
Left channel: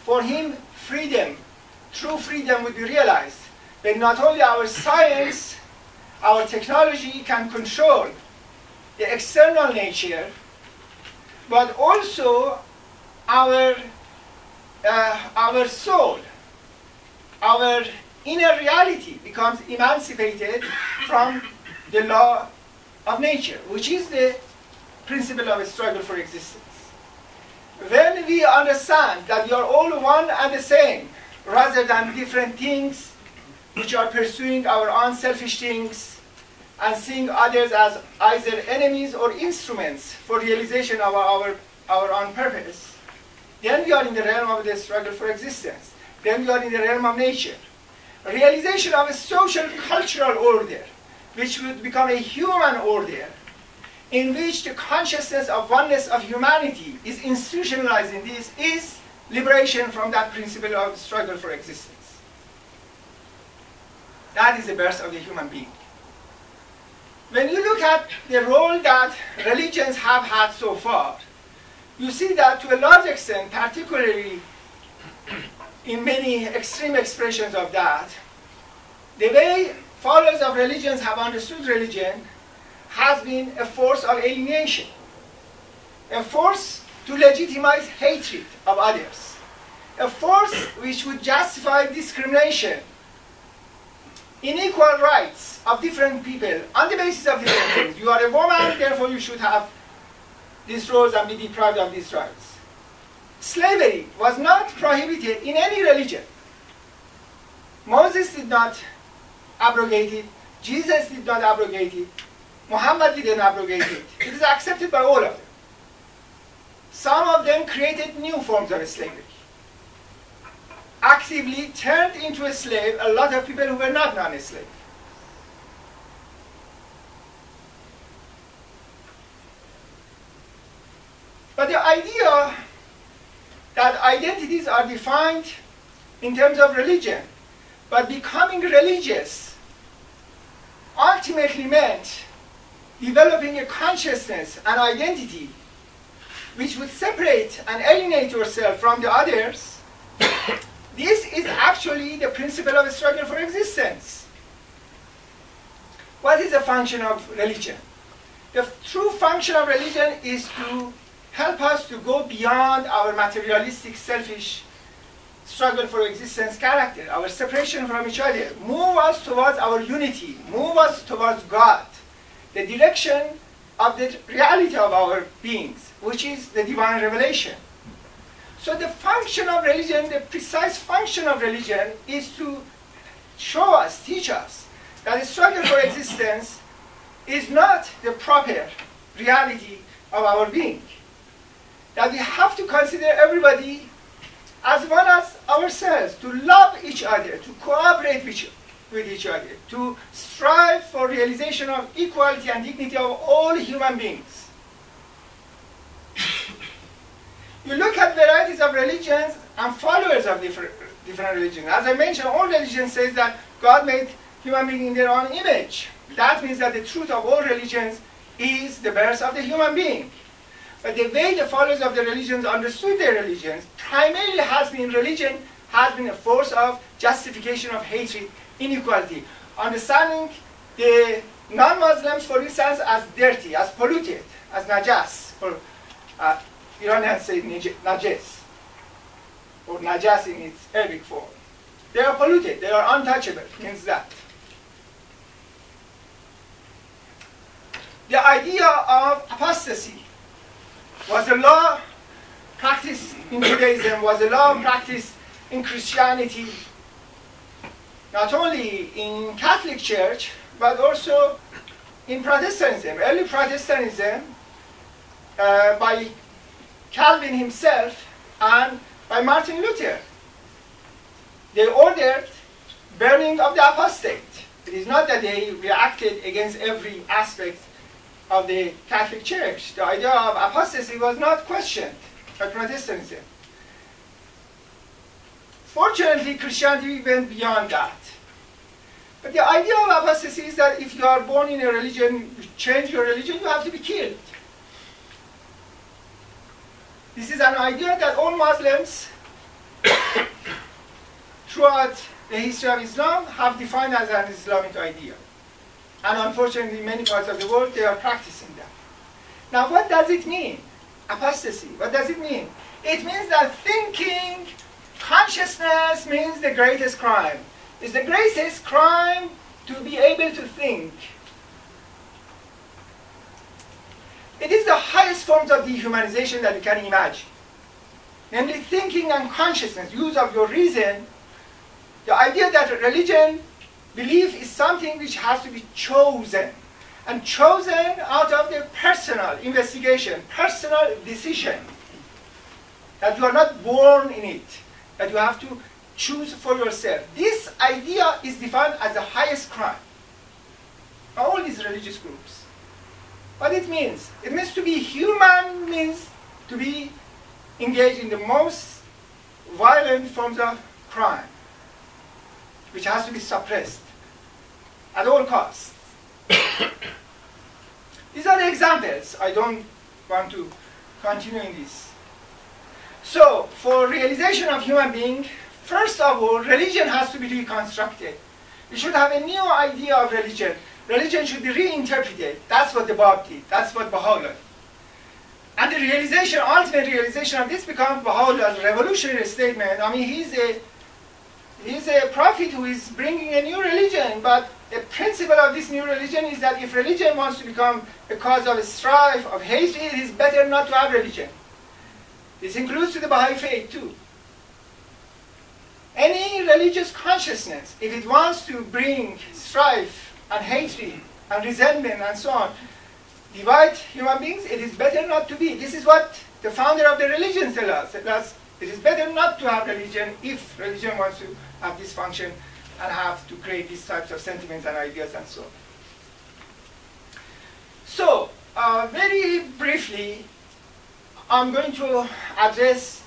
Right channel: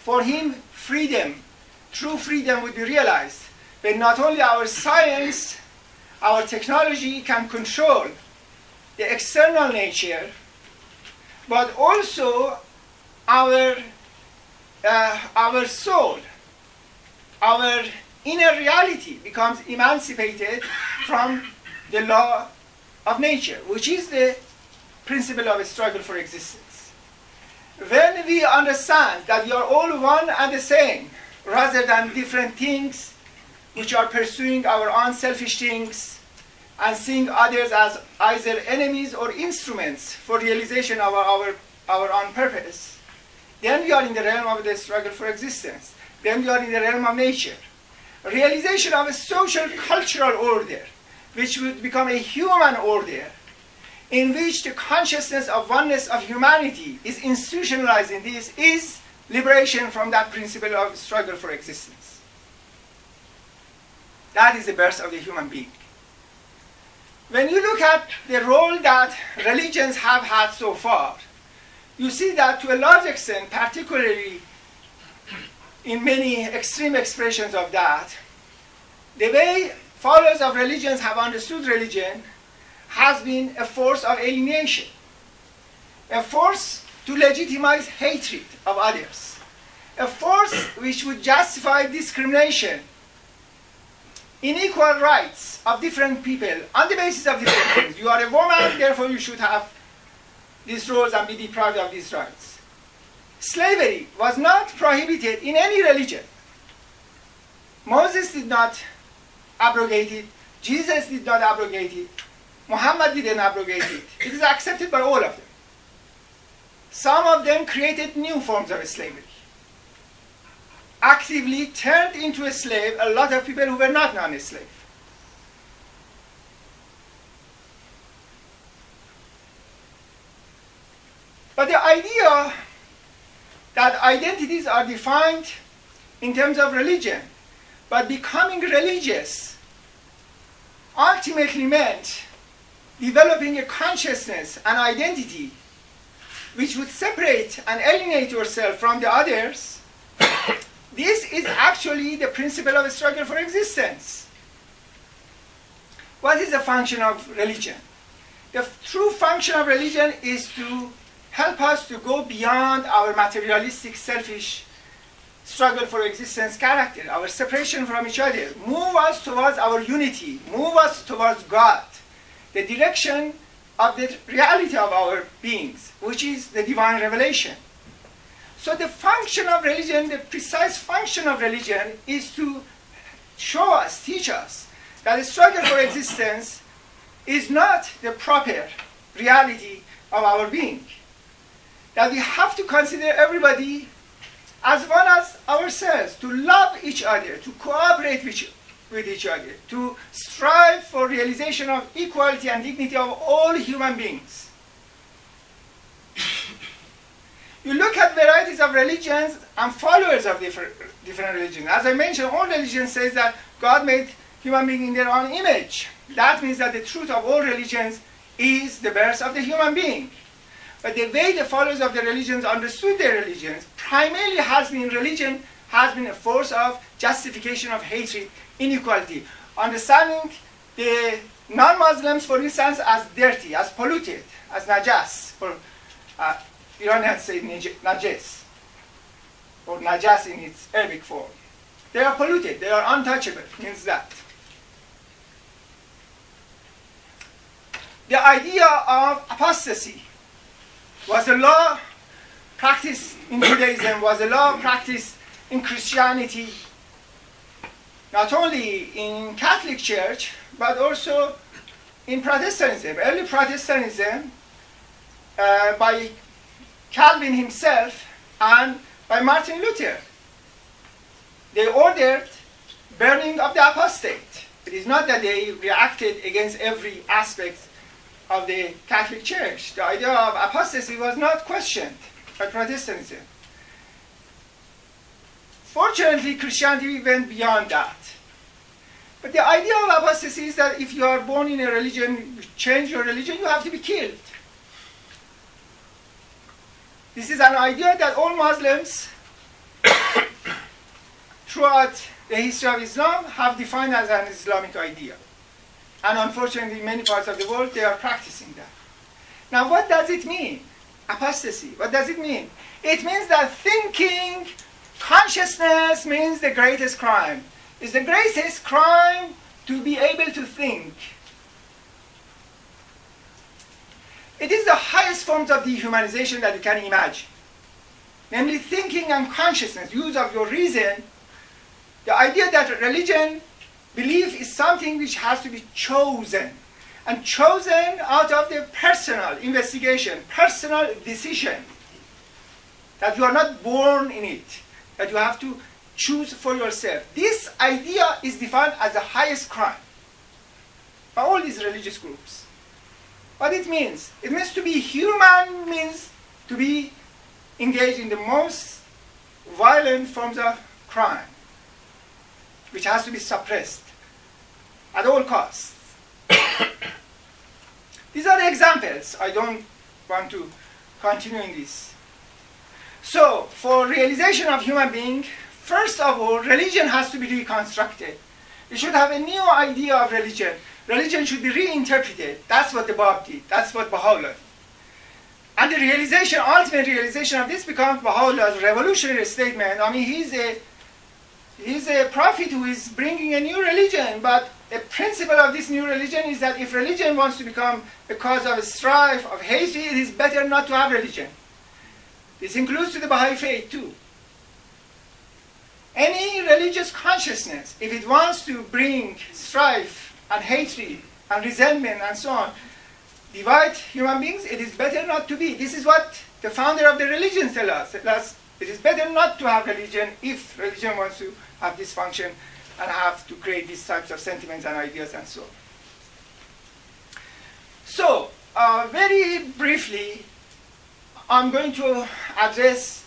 For him, freedom, true freedom would be realized when not only our science, our technology can control the external nature, but also our soul, our inner reality becomes emancipated from the law of nature, which is the principle of a struggle for existence. When we understand that we are all one and the same, rather than different things which are pursuing our own selfish things and seeing others as either enemies or instruments for realization of our own purpose, then we are in the realm of the struggle for existence. Then we are in the realm of nature. Realization of a social cultural order, which would become a human order, in which the consciousness of oneness of humanity is institutionalized in this, is liberation from that principle of struggle for existence. That is the birth of the human being. When you look at the role that religions have had so far, you see that to a large extent, particularly in many extreme expressions of that, the way followers of religions have understood religion has been a force of alienation, a force to legitimize hatred of others, a force which would justify discrimination, unequal rights of different people on the basis of different things. You are a woman, therefore you should have these roles and be deprived of these rights. Slavery was not prohibited in any religion. Moses did not abrogate it. Jesus did not abrogate it. Muhammad didn't abrogate it. It is accepted by all of them. Some of them created new forms of slavery. Actively turned into a slave a lot of people who were not non-slave. But the idea that identities are defined in terms of religion, but becoming religious ultimately meant developing a consciousness and identity which would separate and alienate yourself from the others, this is actually the principle of a struggle for existence. What is the function of religion? The true function of religion is to help us to go beyond our materialistic, selfish struggle for existence character, our separation from each other, move us towards our unity, move us towards God, the direction of the reality of our beings, which is the divine revelation. So the function of religion, the precise function of religion, is to show us, teach us, that the struggle for existence is not the proper reality of our being. That we have to consider everybody as one as ourselves, to love each other, to cooperate with each other, to strive for realization of equality and dignity of all human beings. You look at varieties of religions and followers of different religions. As I mentioned, all religions says that God made human beings in their own image. That means that the truth of all religions is the birth of the human being. But the way the followers of the religions understood their religions primarily has been a force of justification of hatred, inequality, understanding the non-Muslims, for instance, as dirty, as polluted, as najas, or Iranians say najas, or najas in its Arabic form. They are polluted, they are untouchable, means that. The idea of apostasy was a law practiced in Judaism, was a law practiced in Christianity, not only in Catholic Church, but also in Protestantism. Early Protestantism, by Calvin himself and by Martin Luther, they ordered burning of the apostate. It is not that they reacted against every aspect of the Catholic Church. The idea of apostasy was not questioned by Protestantism. Fortunately, Christianity went beyond that. But the idea of apostasy is that if you are born in a religion, you change your religion, you have to be killed. This is an idea that all Muslims throughout the history of Islam have defined as an Islamic idea. And unfortunately, in many parts of the world, they are practicing that. Now, what does it mean? Apostasy. What does it mean? It means that thinking, consciousness means the greatest crime. It's the greatest crime to be able to think. It is the highest forms of dehumanization that you can imagine. Namely, thinking and consciousness, use of your reason. The idea that religion, belief is something which has to be chosen. And chosen out of the personal investigation, personal decision. That you are not born in it. That you have to choose for yourself. This idea is defined as the highest crime by all these religious groups. What it means? It means to be human means to be engaged in the most violent forms of crime, which has to be suppressed at all costs. These are the examples. I don't want to continue in this. So, for realization of human being, first of all, religion has to be reconstructed. We should have a new idea of religion. Religion should be reinterpreted. That's what the Bab did. That's what Baha'u'llah did. And the realization, ultimate realization of this becomes Baha'u'llah's revolutionary statement. I mean, he's a prophet who is bringing a new religion, but a principle of this new religion is that if religion wants to become a cause of strife, of hatred, it is better not to have religion. This includes to the Baha'i faith too. Any religious consciousness, if it wants to bring strife and hatred and resentment and so on, divide human beings, it is better not to be. This is what the founder of the religion tells us. It is better not to have religion if religion wants to have this function and have to create these types of sentiments and ideas and so on. So, very briefly, I'm going to address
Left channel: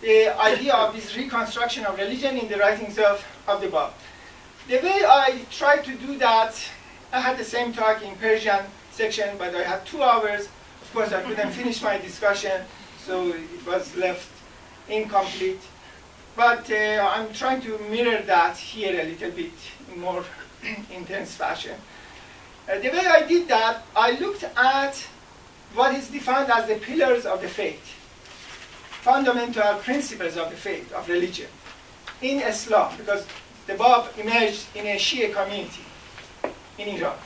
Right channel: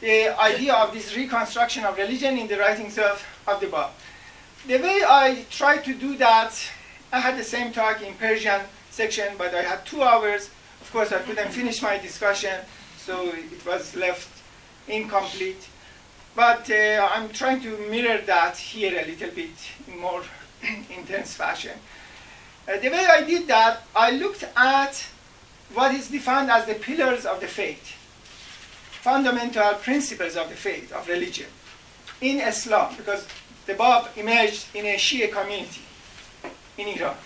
the idea of this reconstruction of religion in the writings of the Bab. The way I tried to do that, I had the same talk in Persian section, but I had 2 hours. Of course, I couldn't finish my discussion, so it was left incomplete. But I'm trying to mirror that here a little bit in more intense fashion. The way I did that, I looked at what is defined as the pillars of the faith, fundamental principles of the faith, of religion, in Islam, because the Bab emerged in a Shia community in Iran.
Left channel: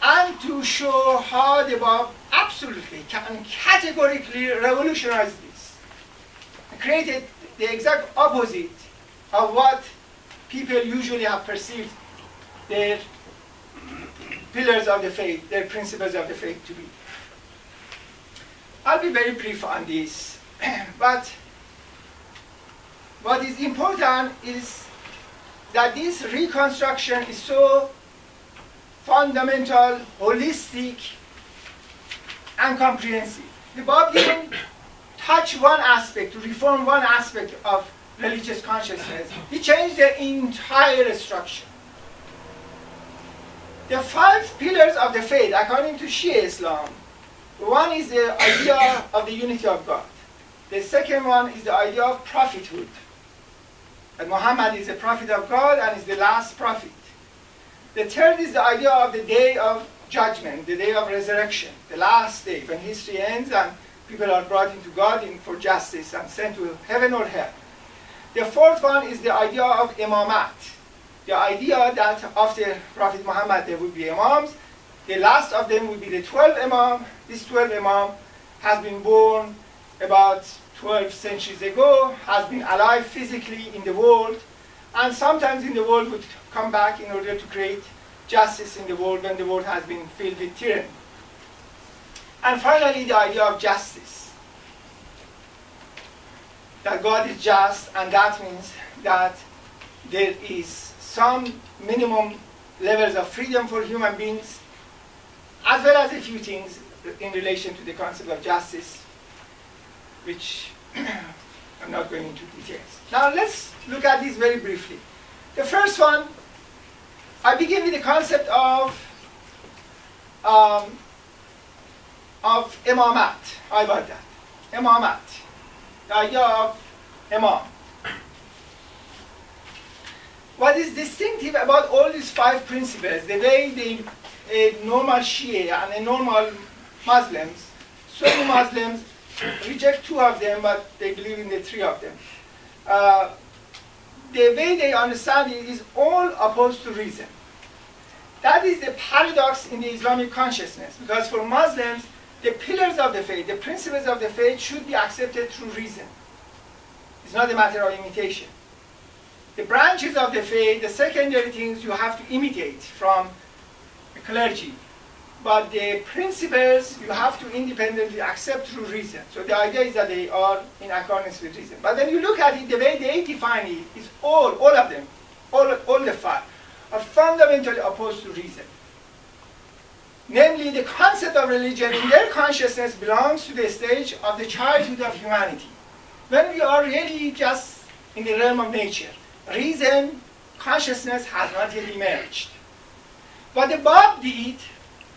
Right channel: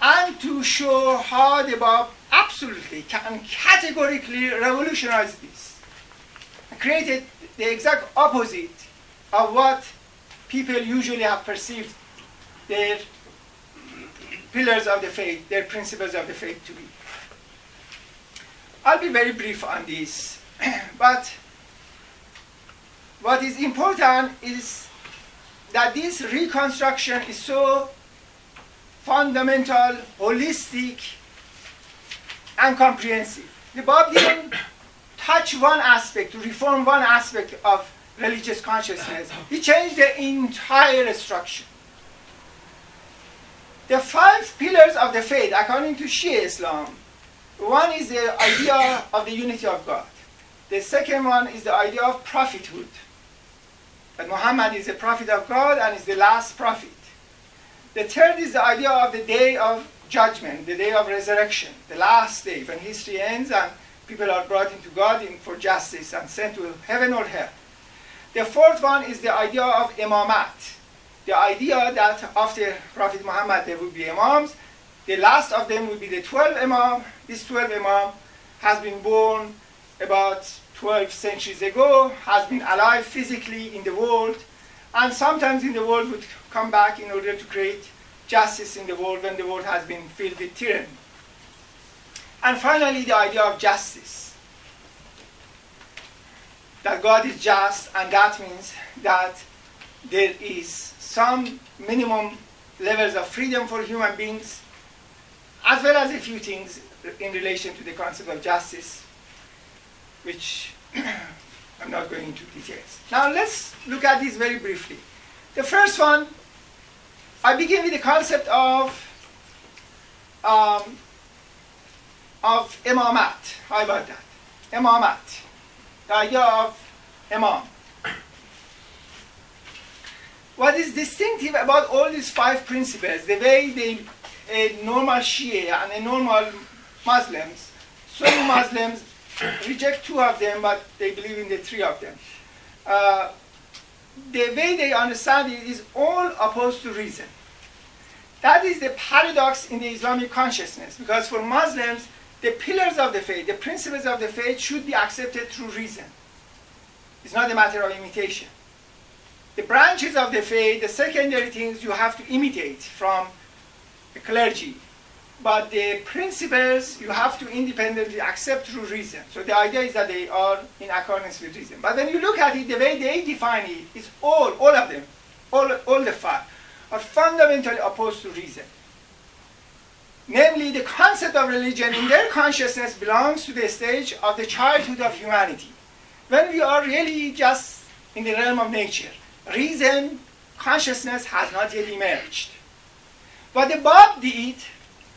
And to show how the Bab absolutely and categorically revolutionized this, created the exact opposite of what people usually have perceived their pillars of the faith, their principles of the faith to be. I'll be very brief on this, but what is important is that this reconstruction is so fundamental, holistic, and comprehensive. The Bab didn't touch one aspect, to reform one aspect of religious consciousness. He changed the entire structure. The 5 pillars of the faith, according to Shia Islam, one is the idea of the unity of God. The second one is the idea of prophethood. That Muhammad is the prophet of God and is the last prophet. The third is the idea of the day of judgment, the day of resurrection, the last day, when history ends and people are brought into God for justice and sent to heaven or hell. The fourth one is the idea of imamat, the idea that after Prophet Muhammad there will be imams. The last of them will be the 12 imam. This 12 imam has been born about 12 centuries ago, has been alive physically in the world, and sometimes in the world would come back in order to create justice in the world when the world has been filled with tyranny. And finally, the idea of justice. That God is just, and that means that there is some minimum levels of freedom for human beings, as well as a few things in relation to the concept of justice, which I'm not going into details. Now let's look at this very briefly. The first one, I begin with the concept of imamat. How about that? Imamat. The idea of imam. What is distinctive about all these 5 principles, the way a normal Shia and a normal Muslims, Sunni Muslims reject 2 of them, but they believe in the 3 of them. The way they understand it is all opposed to reason. That is the paradox in the Islamic consciousness, because for Muslims, the pillars of the faith, the principles of the faith should be accepted through reason. It's not a matter of imitation. The branches of the faith, the secondary things you have to imitate from the clergy. But the principles you have to independently accept through reason. So the idea is that they are in accordance with reason. But when you look at it, the way they define it is all of them, all the 5, are fundamentally opposed to reason. Namely, the concept of religion in their consciousness belongs to the stage of the childhood of humanity, when we are really just in the realm of nature. Reason, consciousness has not yet emerged. What the Bab did,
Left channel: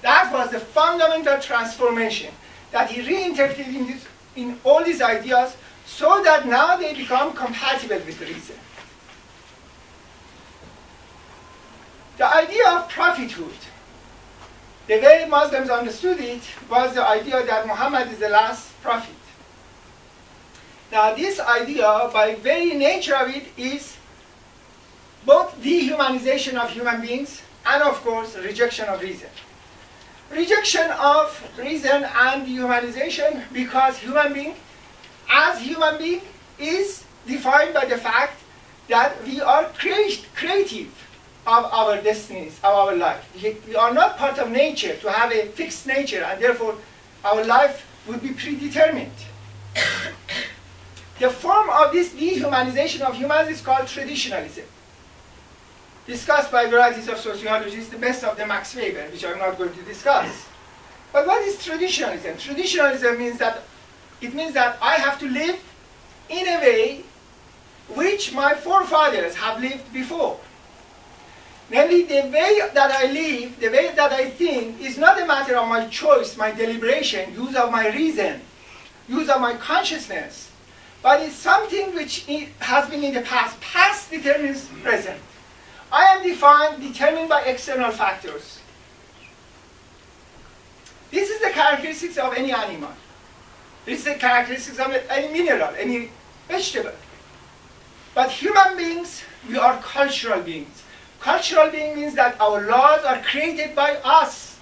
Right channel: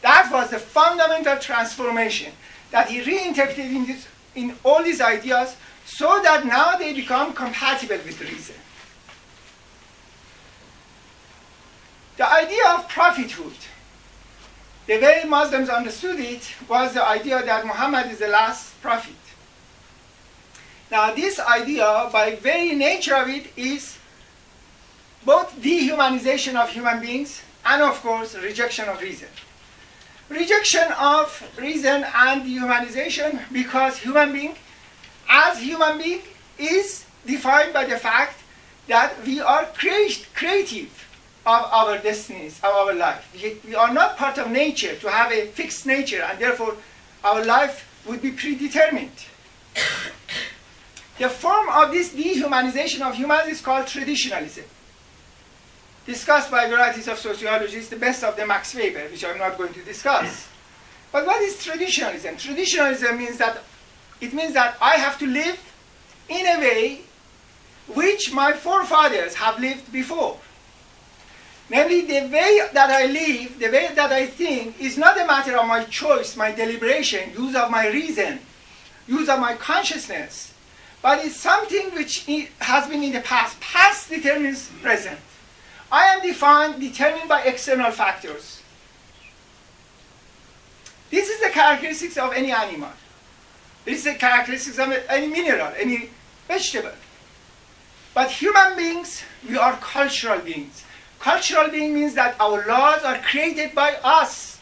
that was the fundamental transformation, that he reinterpreted in all these ideas so that now they become compatible with reason. The idea of prophethood. The way Muslims understood it was the idea that Muhammad is the last prophet. Now this idea, by very nature of it, is both dehumanization of human beings and, of course, rejection of reason. Rejection of reason and dehumanization, because human being, as human being, is defined by the fact that we are creative of our destinies, of our life. We are not part of nature to have a fixed nature, and therefore our life would be predetermined. The form of this dehumanization of humans is called traditionalism, discussed by varieties of sociologists, the best of them Max Weber, which I'm not going to discuss. But what is traditionalism? Traditionalism means that I have to live in a way which my forefathers have lived before. Namely, the way that I live, the way that I think, is not a matter of my choice, my deliberation, use of my reason, use of my consciousness, but it's something which has been in the past. Past determines present. I am determined by external factors. This is the characteristics of any animal. This is the characteristics of any mineral, any vegetable. But human beings, we are cultural beings. Cultural being means that our laws are created by us.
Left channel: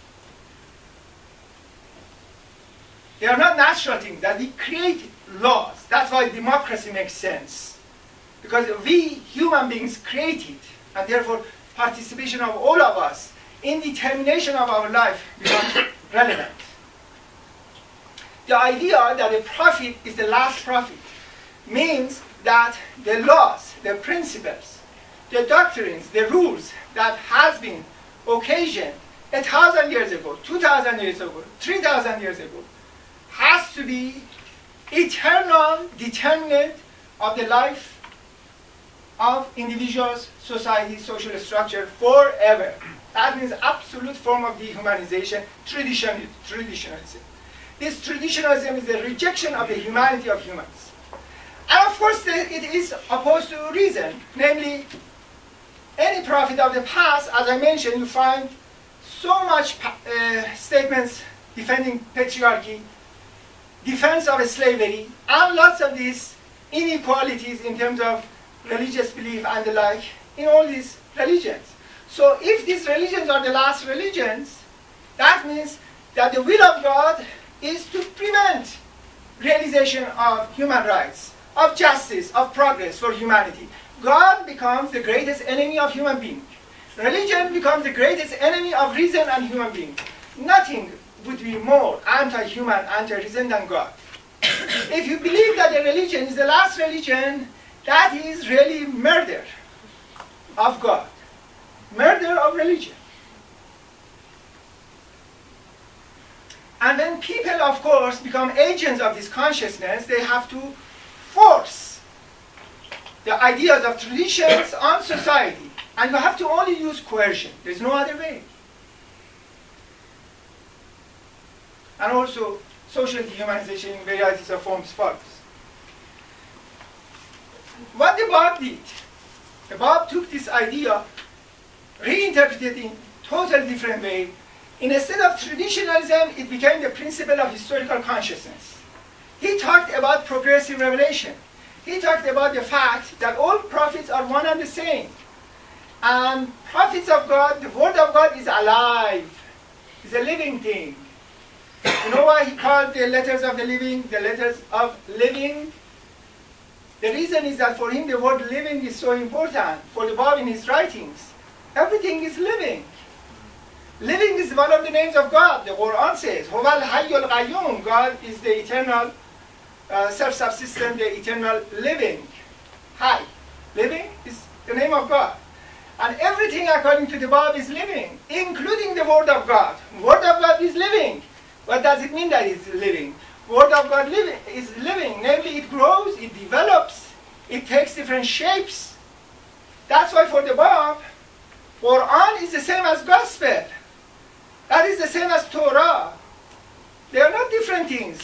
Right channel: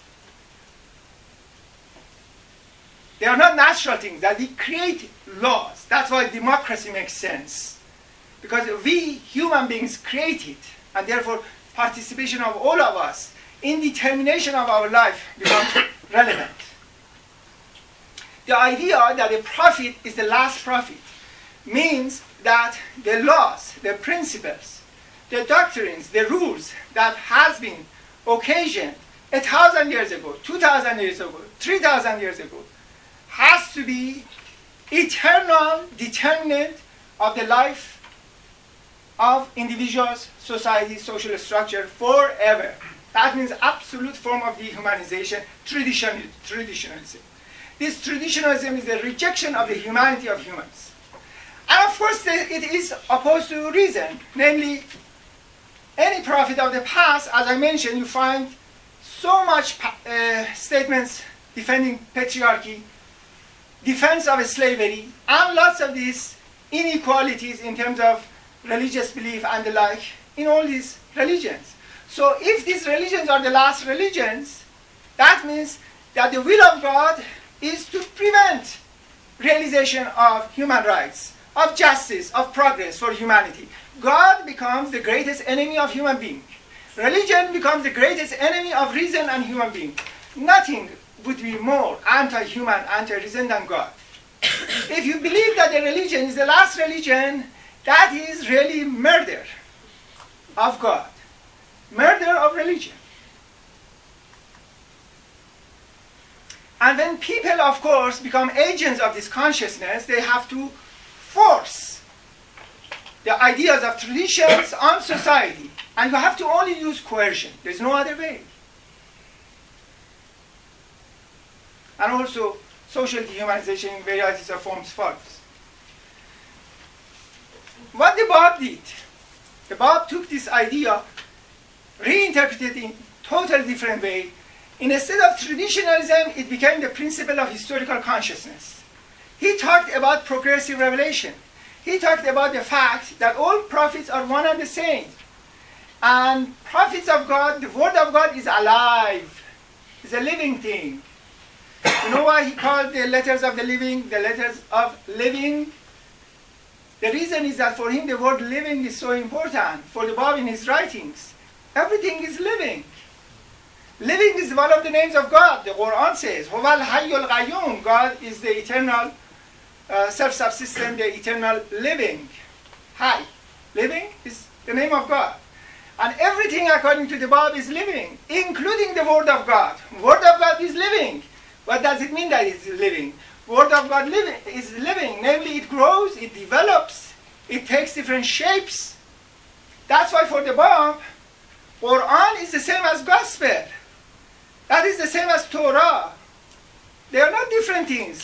They are not natural things, that we create laws. That's why democracy makes sense. Because we, human beings, create it. And therefore, participation of all of us in determination of our life becomes relevant. The idea that a prophet is the last prophet means that the laws, the principles, the doctrines, the rules that has been occasioned 1,000 years ago, 2,000 years ago, 3,000 years ago, has to be eternal determinant of the life of individuals, society, social structure forever. That means absolute form of dehumanization, traditionalism. This traditionalism is a rejection of the humanity of humans. And of course, it is opposed to reason. Namely, any prophet of the past, as I mentioned, you find so much statements defending patriarchy, defense of slavery, and lots of these inequalities in terms of religious belief and the like in all these religions. So if these religions are the last religions, that means that the will of God is to prevent realization of human rights, of justice, of progress for humanity. God becomes the greatest enemy of human being. Religion becomes the greatest enemy of reason and human being. Nothing would be more anti-human, anti-reason than God. If you believe that the religion is the last religion, that is really murder of God, murder of religion. And when people, of course, become agents of this consciousness, they have to force the ideas of traditions on society. And you have to only use coercion. There's no other way. And also, social dehumanization in varieties of forms follows. What the Bab did, the Bab took this idea, reinterpreted in totally different way. Instead of traditionalism, it became the principle of historical consciousness. He talked about progressive revelation. He talked about the fact that all prophets are one and the same. And prophets of God, the word of God is alive. It's a living thing. You know why he called the letters of the living the letters of living? The reason is that for him the word living is so important. For the Bab in his writings, everything is living. Living is one of the names of God. The Quran says, Huwal Hayyul Qayyum. God is the eternal, self-subsistent, the eternal living. Hay. Living is the name of God. And everything according to the Bab is living, including the Word of God. Word of God is living. What does it mean that it's living? Word of God is living. Namely, it grows, it develops, it takes different shapes. That's why for the Bab, Quran is the same as Gospel. That is the same as Torah. They are not different things.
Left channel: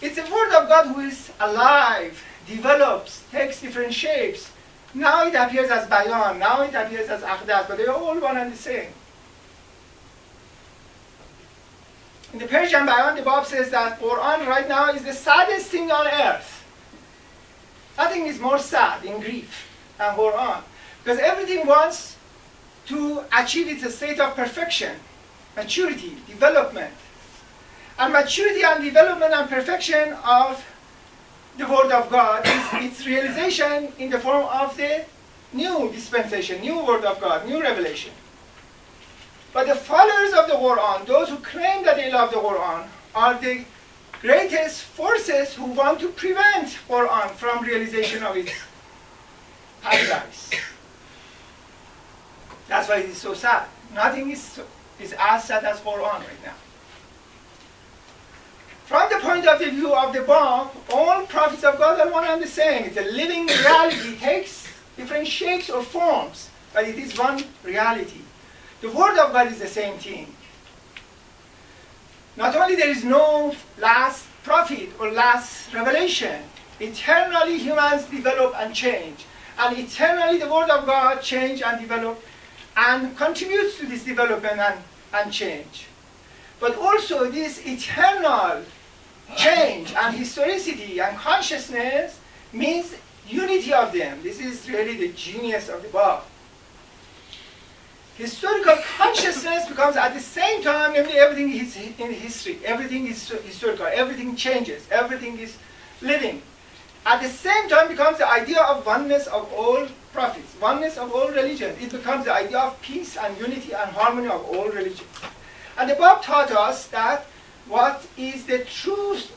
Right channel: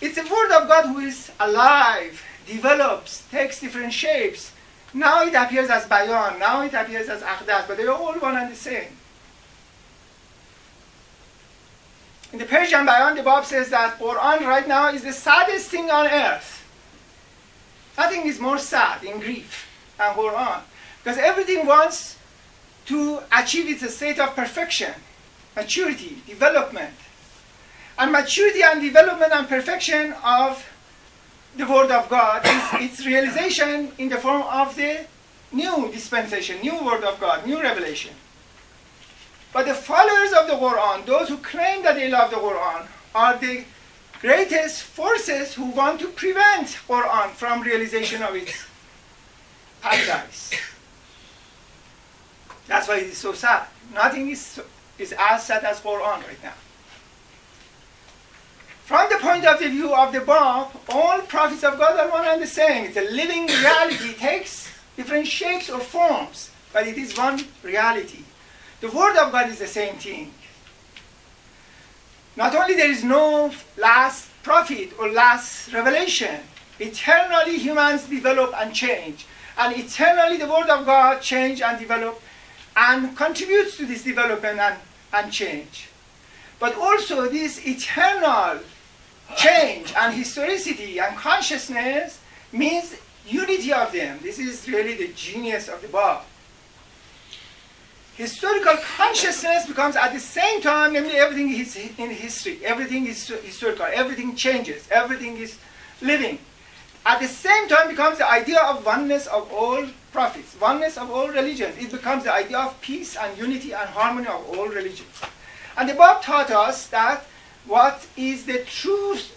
It's the Word of God who is alive, develops, takes different shapes. Now it appears as Bayan, now it appears as Aqdas, but they are all one and the same. In the Persian Bayan, the Bab says that Quran right now is the saddest thing on earth. Nothing is more sad in grief than Quran. Because everything wants to achieve its state of perfection, maturity, development. And maturity and development and perfection of the Word of God is its realization in the form of the new dispensation, new Word of God, new revelation. But the followers of the Quran, those who claim that they love the Quran, are the greatest forces who want to prevent Quran from realization of its paradise. That's why it is so sad. Nothing is as sad as Quran right now. From the point of view of the Bab, all prophets of God are one and the same. It's a living reality. It takes different shapes or forms, but it is one reality. The Word of God is the same thing. Not only there is no last prophet or last revelation, eternally humans develop and change. And eternally the Word of God change and develop and contributes to this development and change. But also this eternal change and historicity and consciousness means unity of them. This is really the genius of the Bab. Historical consciousness becomes at the same time, namely everything is in history, everything is historical, everything changes, everything is living. At the same time becomes the idea of oneness of all prophets, oneness of all religions. It becomes the idea of peace and unity and harmony of all religions. And the Bab taught us that what is the truth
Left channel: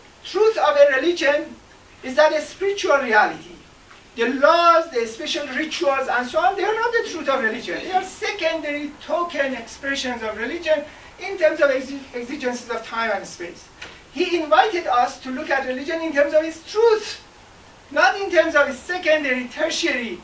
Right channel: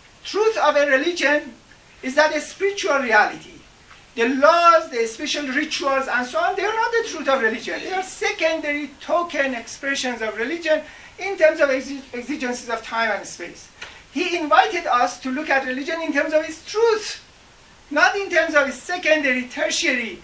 of a religion is that a spiritual reality. The laws, the special rituals, and so on, they are not the truth of religion. They are secondary token expressions of religion in terms of exigencies of time and space. He invited us to look at religion in terms of its truth, not in terms of its secondary, tertiary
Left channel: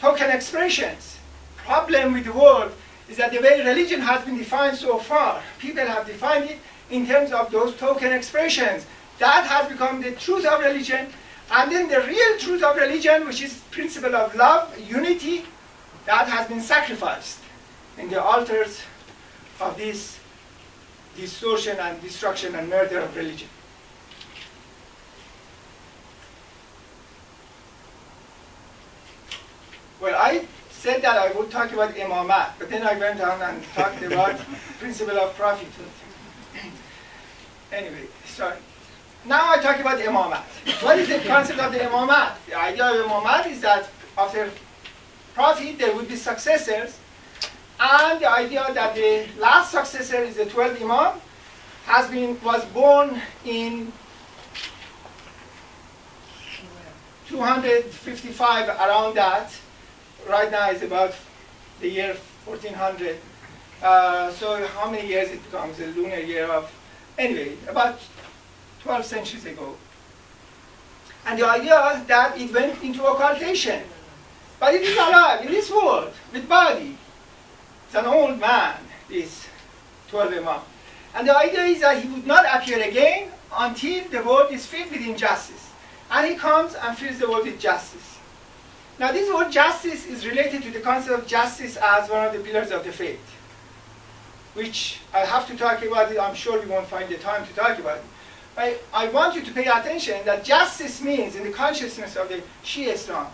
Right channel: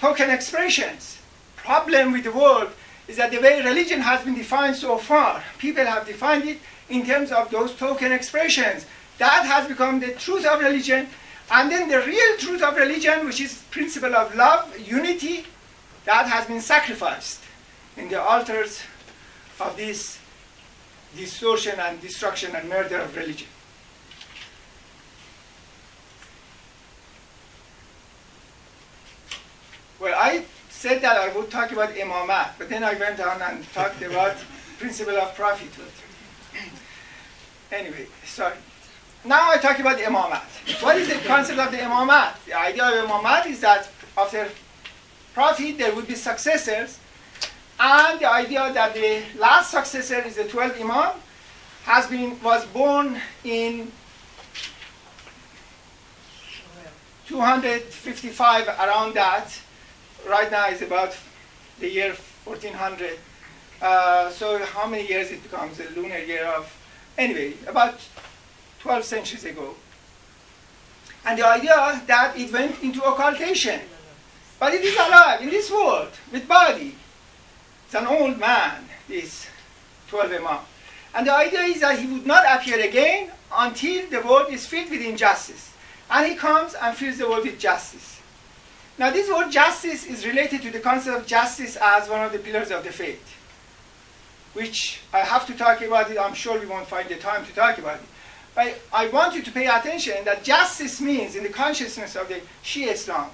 token expressions. Problem with the world is that the way religion has been defined so far, people have defined it in terms of those token expressions. That has become the truth of religion. And then the real truth of religion, which is principle of love, unity, that has been sacrificed in the altars of this distortion and destruction and murder of religion. Well, I said that I would talk about imamat, but then I went on and talked about principle of prophethood. Anyway, sorry. Now I talk about imamat. What is the concept of the imamat? The idea of imamat is that after prophet there would be successors, and the idea that the last successor is the 12th imam was born in 255, around that. Right now it's about the year 1400. So how many years it becomes a lunar year of? Anyway, about 12 centuries ago. And the idea that it went into occultation. But it is alive in this world, with body. It's an old man, this 12 Imam. And the idea is that he would not appear again until the world is filled with injustice. And he comes and fills the world with justice. Now this word justice is related to the concept of justice as one of the pillars of the faith, which I have to talk about it. I'm sure we won't find the time to talk about it. But I want you to pay attention that justice means, in the consciousness of the Shia Islam,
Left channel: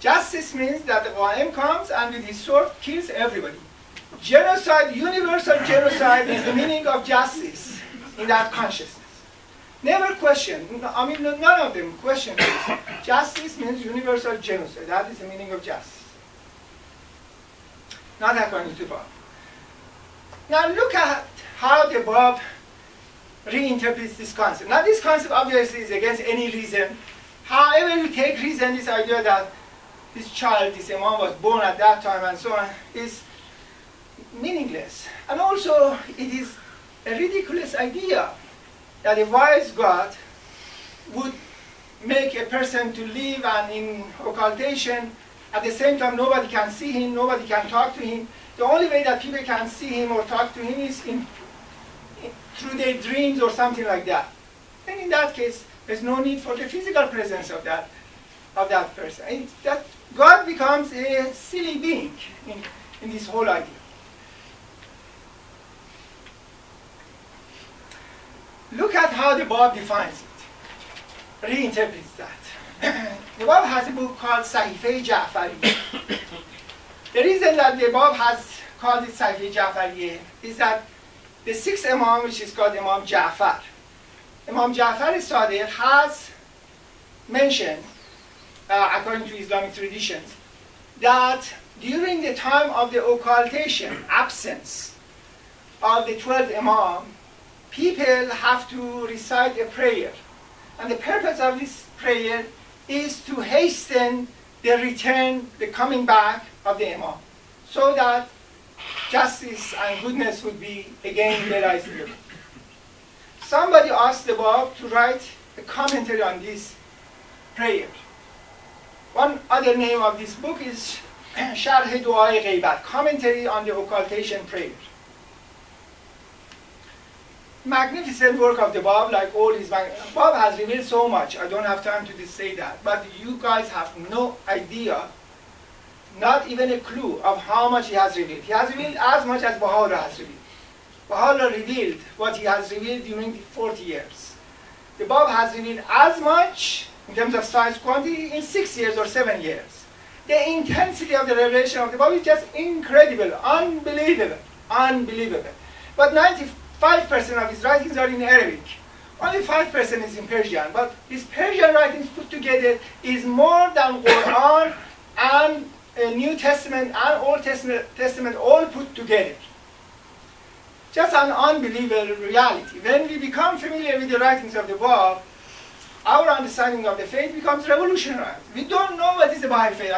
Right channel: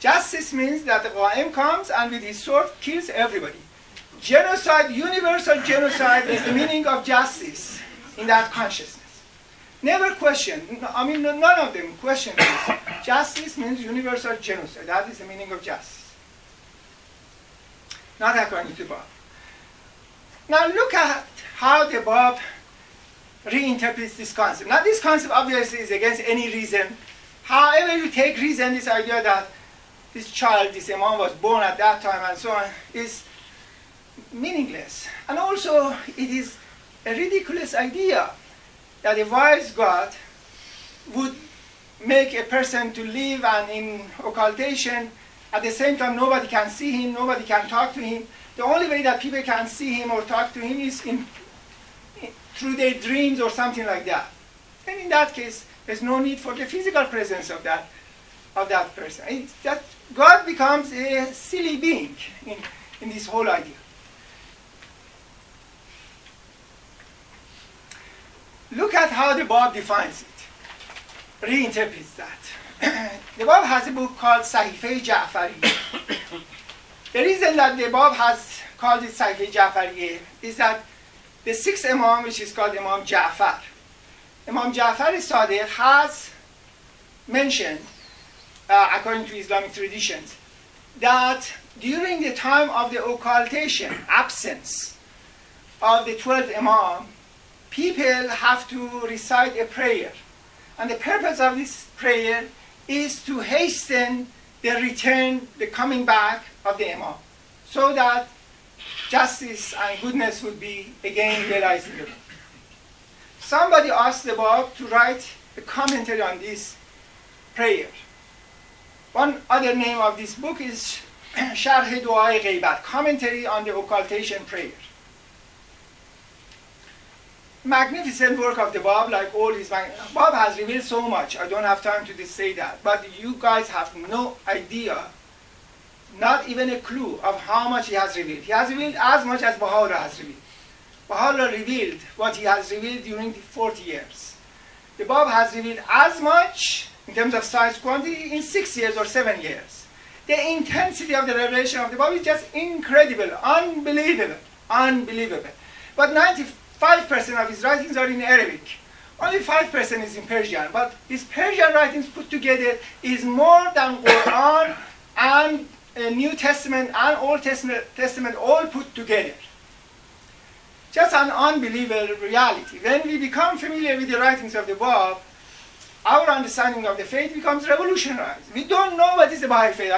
justice means that the Qa'im comes and with his sword kills everybody. Genocide, universal genocide is the meaning of justice in that consciousness. Never question, I mean none of them question this. Justice means universal genocide. That is the meaning of justice. Not according to Bab. Now look at how the Bab reinterprets this concept. Now this concept obviously is against any reason. However you take reason, this idea that this child, this imam was born at that time and so on, is meaningless. And also it is a ridiculous idea that a wise God would make a person to live and in occultation. At the same time nobody can see him, nobody can talk to him. The only way that people can see him or talk to him is through their dreams or something like that. And in that case, there's no need for the physical presence of that person. That God becomes a silly being in this whole idea. look at how the Bab defines it, reinterprets that. The Bab has a book called Sahife Ja'fari. The reason that the Bab has called it Sahife Ja'fari is that the sixth Imam, which is called Imam Ja'far, Imam Ja'far Sadiq has mentioned, according to Islamic traditions, that during the time of the occultation, absence of the 12th Imam, people have to recite a prayer. And the purpose of this prayer is to hasten the return, the coming back of the Imam, so that justice and goodness would be again realizable. Somebody asked the Bab to write a commentary on this prayer. One other name of this book is Sharh Du'ai Ghaibat, commentary on the occultation prayer. Magnificent work of the Bab, like all his Bab has revealed so much. I don't have time to say that, but you guys have no idea, not even a clue of how much he has revealed. He has revealed as much as Baha'u'llah has revealed. Baha'u'llah revealed what he has revealed during the 40 years. The Bab has revealed as much in terms of size quantity in 6 years or 7 years. The intensity of the revelation of the Bab is just incredible, unbelievable, unbelievable. But 95% of his writings are in Arabic. Only 5% is in Persian. But his Persian writings put together is more than Quran and New Testament and Old Testament all put together. Just an unbelievable reality. When we become familiar with the writings of the Bab, our understanding of the faith becomes revolutionized. We don't know what is the Baha'i faith,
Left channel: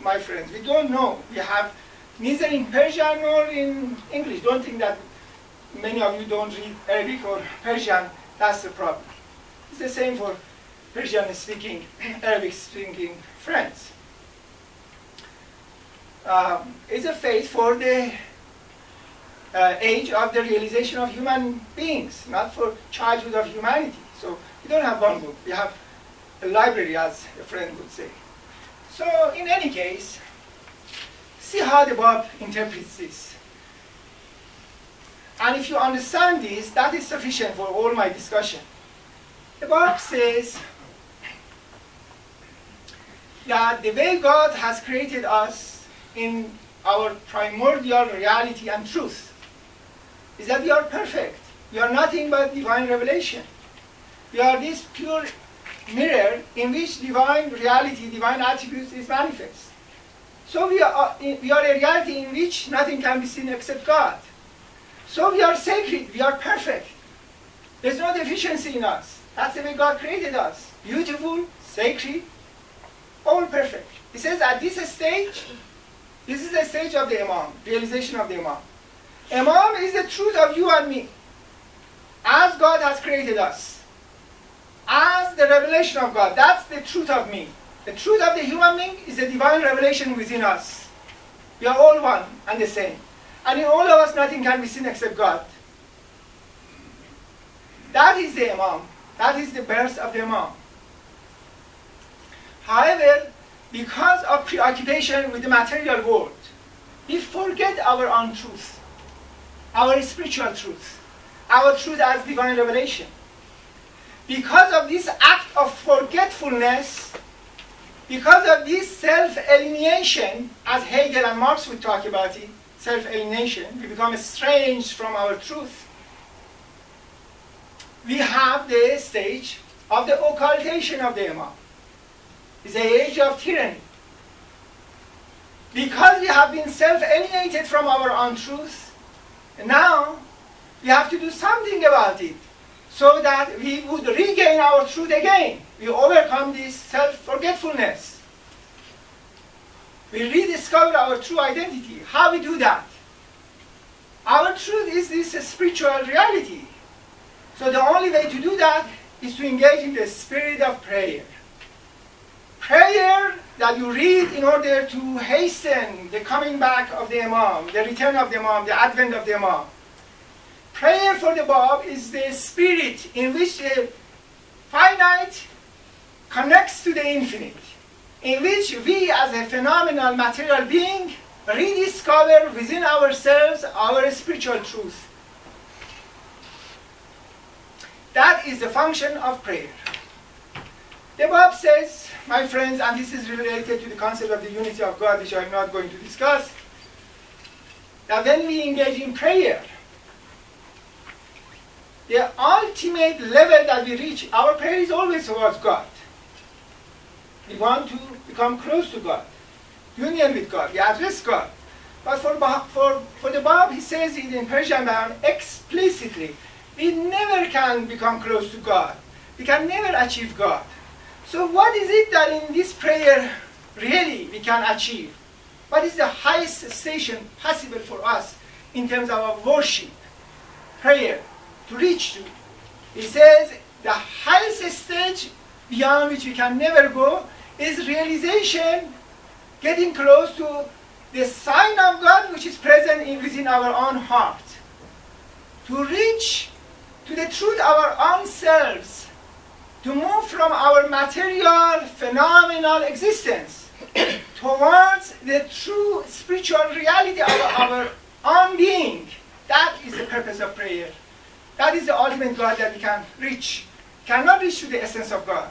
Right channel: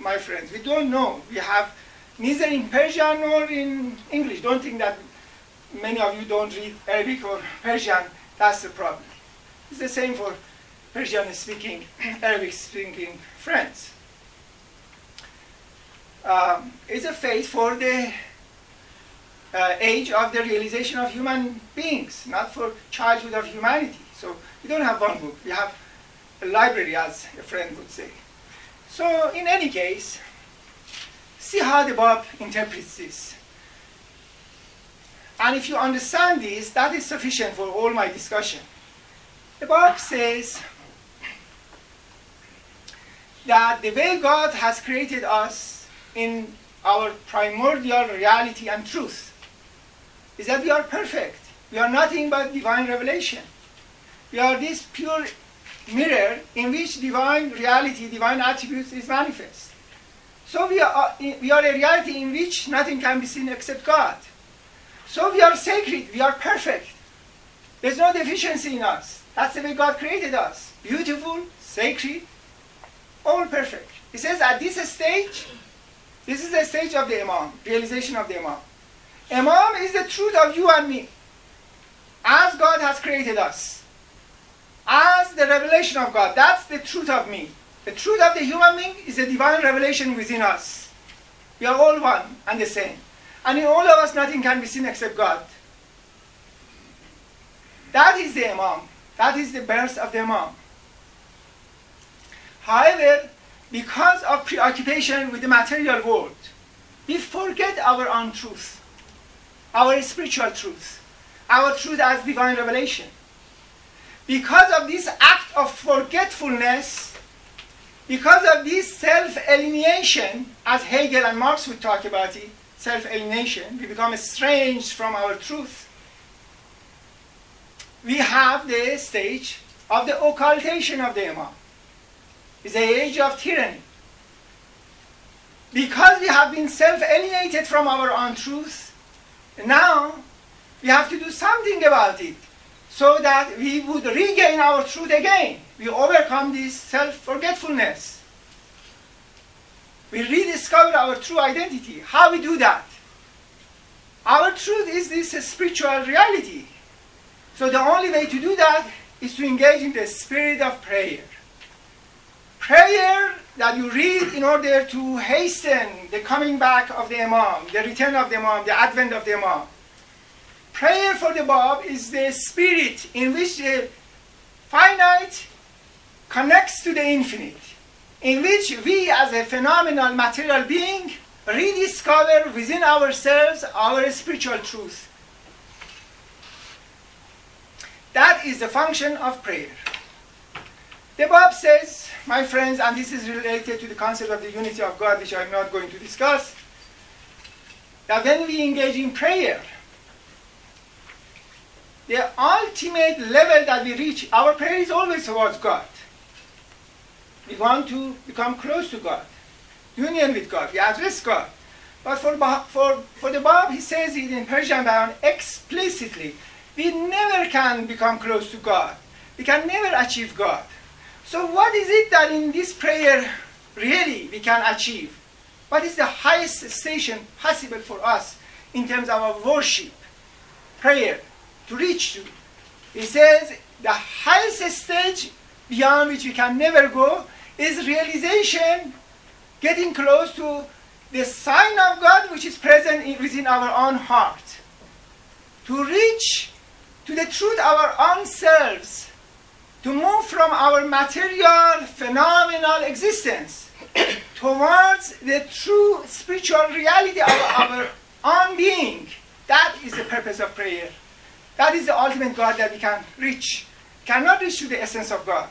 my friends. We don't know. We have neither in Persian nor in English. Don't think that many of you don't read Arabic or Persian. That's the problem. It's the same for Persian-speaking, Arabic-speaking friends. It's a faith for the age of the realization of human beings, not for childhood of humanity. So we don't have one book. We have a library, as a friend would say. So in any case, see how the Bab interprets this. And if you understand this, that is sufficient for all my discussion. The Bab says that the way God has created us in our primordial reality and truth is that we are perfect. We are nothing but divine revelation. We are this pure mirror in which divine reality, divine attributes is manifest. So we are a reality in which nothing can be seen except God. So we are sacred, we are perfect. There's no deficiency in us. That's the way God created us. Beautiful, sacred, all perfect. He says at this stage, this is the stage of the Imam, realization of the Imam. Imam is the truth of you and me, as God has created us, as the revelation of God. That's the truth of me. The truth of the human being is a divine revelation within us. We are all one and the same. And in all of us, nothing can be seen except God. That is the Imam. That is the birth of the Imam. However, because of preoccupation with the material world, we forget our own truth, our spiritual truth, our truth as divine revelation. Because of this act of forgetfulness, because of this self-alienation, as Hegel and Marx would talk about it, self-alienation, we become estranged from our truth. We have the stage of the occultation of the Imam. It's the age of tyranny. Because we have been self-alienated from our own truth, now we have to do something about it so that we would regain our truth again. We overcome this self-forgetfulness. We rediscover our true identity. How we do that? Our truth is this spiritual reality. So the only way to do that is to engage in the spirit of prayer. Prayer that you read in order to hasten the coming back of the Imam, the return of the Imam, the advent of the Imam. Prayer for the Bab is the spirit in which the finite connects to the infinite, in which we as a phenomenal material being rediscover within ourselves our spiritual truth. What is the function of prayer? The Bab says, my friends, and this is related to the concept of the unity of God, which I'm not going to discuss, that when we engage in prayer, the ultimate level that we reach, our prayer is always towards God. We want to become close to God, union with God, we address God. But for the Bab, he says it in Persian Bayan explicitly, we never can become close to God. We can never achieve God. So what is it that in this prayer really we can achieve? What is the highest station possible for us in terms of our worship, prayer, to reach to? He says the highest stage beyond which we can never go is realization, getting close to the sign of God which is present within our own heart. To reach to the truth of our own selves, to move from our material, phenomenal existence towards the true spiritual reality of our own being. That is the purpose of prayer. That is the ultimate God that we can reach. We cannot reach to the essence of God.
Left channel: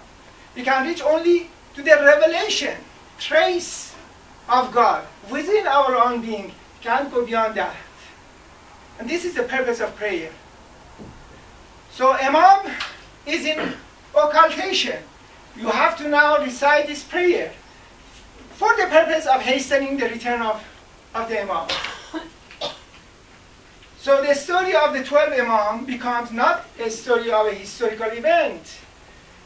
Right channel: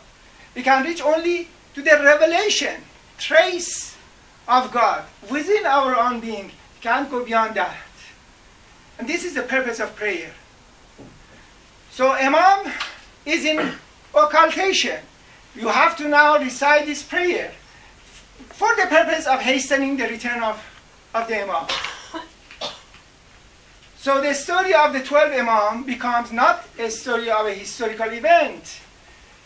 We can reach only to the revelation, trace of God within our own being. We can't go beyond that. And this is the purpose of prayer. So Imam is in occultation. You have to now recite this prayer for the purpose of hastening the return of the Imam. So the story of the 12 Imam becomes not a story of a historical event.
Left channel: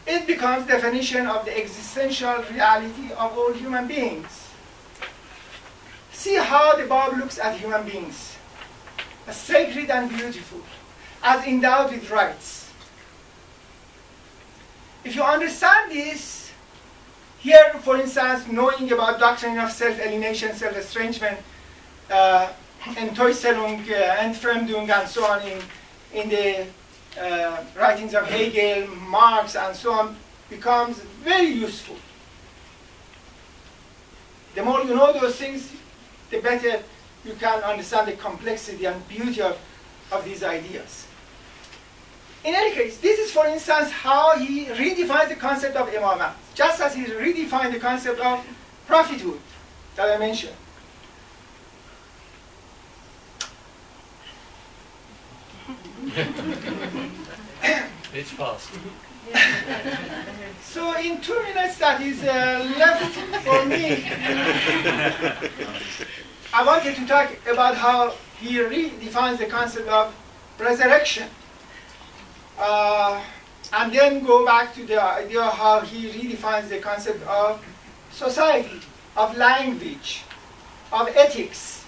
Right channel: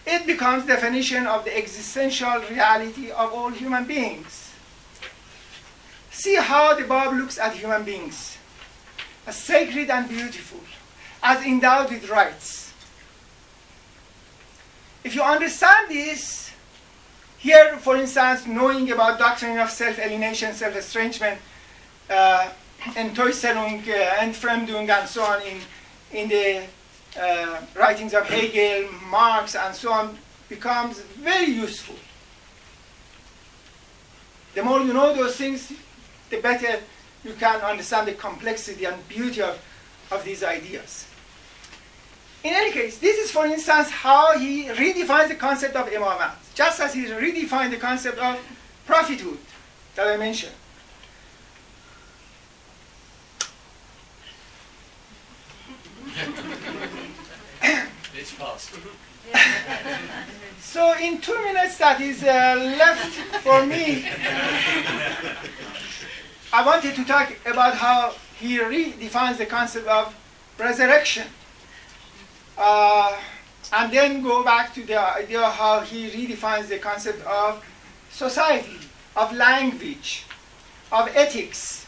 It becomes definition of the existential reality of all human beings. See how the Bab looks at human beings as sacred and beautiful, as endowed with rights. If you understand this, here, for instance, knowing about doctrine of self-alienation, self-estrangement, Enttäuschung, Entfremdung, and so on in the writings of Hegel, Marx, and so on, becomes very useful. The more you know those things, the better you can understand the complexity and beauty of these ideas. In any case, this is, for instance, how he redefines the concept of imamat, just as he redefined the concept of prophethood that I mentioned. It's fast. So in 2 minutes that is left for me, I wanted to talk about how he redefines the concept of resurrection. And then go back to the idea of how he redefines the concept of society, of language, of ethics,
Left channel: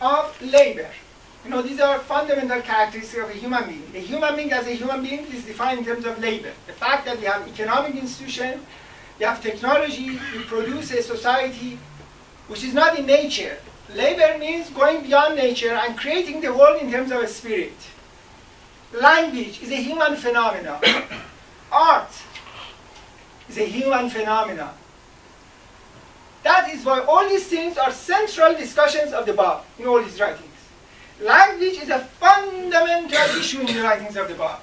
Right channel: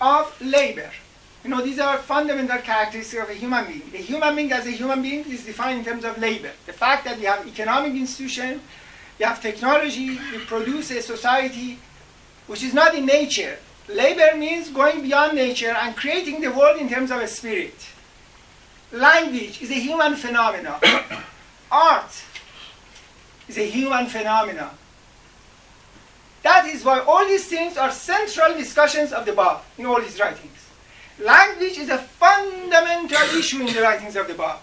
of labor. You know, these are fundamental characteristics of a human being. The human being as a human being is defined in terms of labor. The fact that we have economic institutions, we have technology, we produce a society which is not in nature. Labor means going beyond nature and creating the world in terms of a spirit. Language is a human phenomenon. Art is a human phenomenon. That is why all these things are central discussions of the Bab in all his writings. Language is a fundamental issue in the writings of the Bab.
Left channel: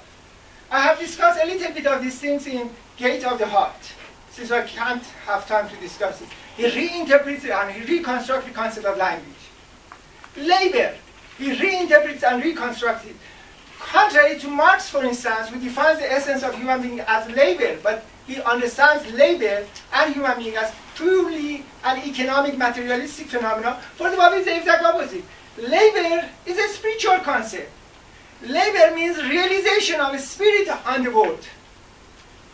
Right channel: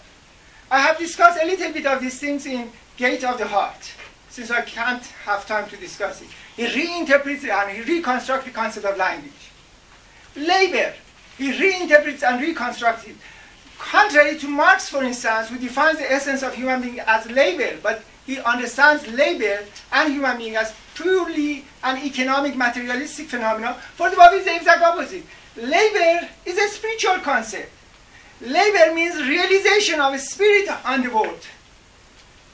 I have discussed a little bit of these things in Gate of the Heart, since I can't have time to discuss it. He reinterprets and he reconstructs the concept of language. Labor, he reinterprets and reconstructs it. Contrary to Marx, for instance, who defines the essence of human being as labor, but he understands labor and human being as purely an economic, materialistic phenomenon. For the Bab, it's the exact opposite. Labor is a spiritual concept. Labor means realization of a spirit on the world.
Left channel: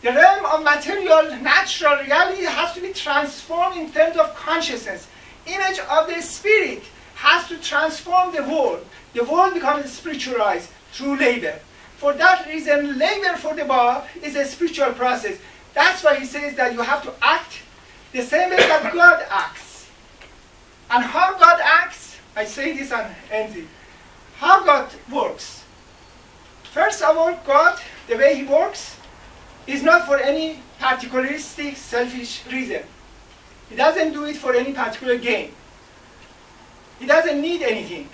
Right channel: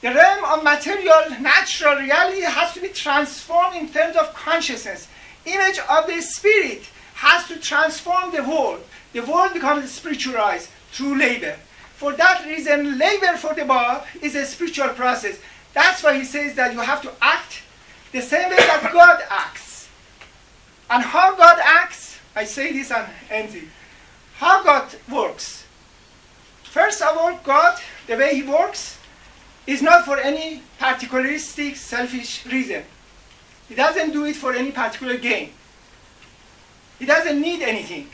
The realm of material, natural reality has to be transformed in terms of consciousness. Image of the spirit has to transform the world. The world becomes spiritualized through labor. For that reason, labor for the Bab is a spiritual process. That's why he says that you have to act the same way that God acts. And how God acts, I say this and end it. How God works. First of all, God, the way he works, is not for any particularistic, selfish reason. He doesn't do it for any particular gain. He doesn't need anything.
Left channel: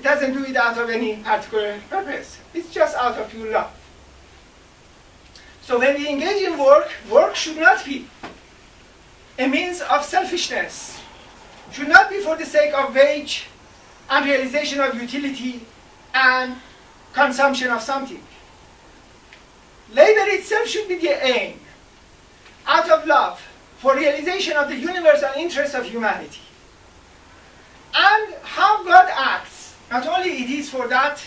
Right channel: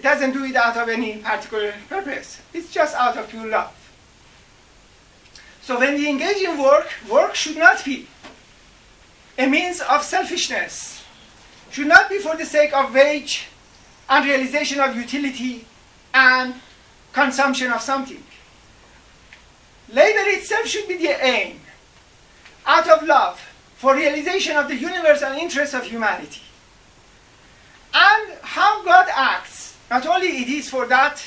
It doesn't do it out of any particular purpose. It's just out of pure love. So when we engage in work, work should not be a means of selfishness. Should not be for the sake of wage and realization of utility and consumption of something. Labor itself should be the aim, out of love, for realization of the universal interests of humanity. And how God acts, not only it is for that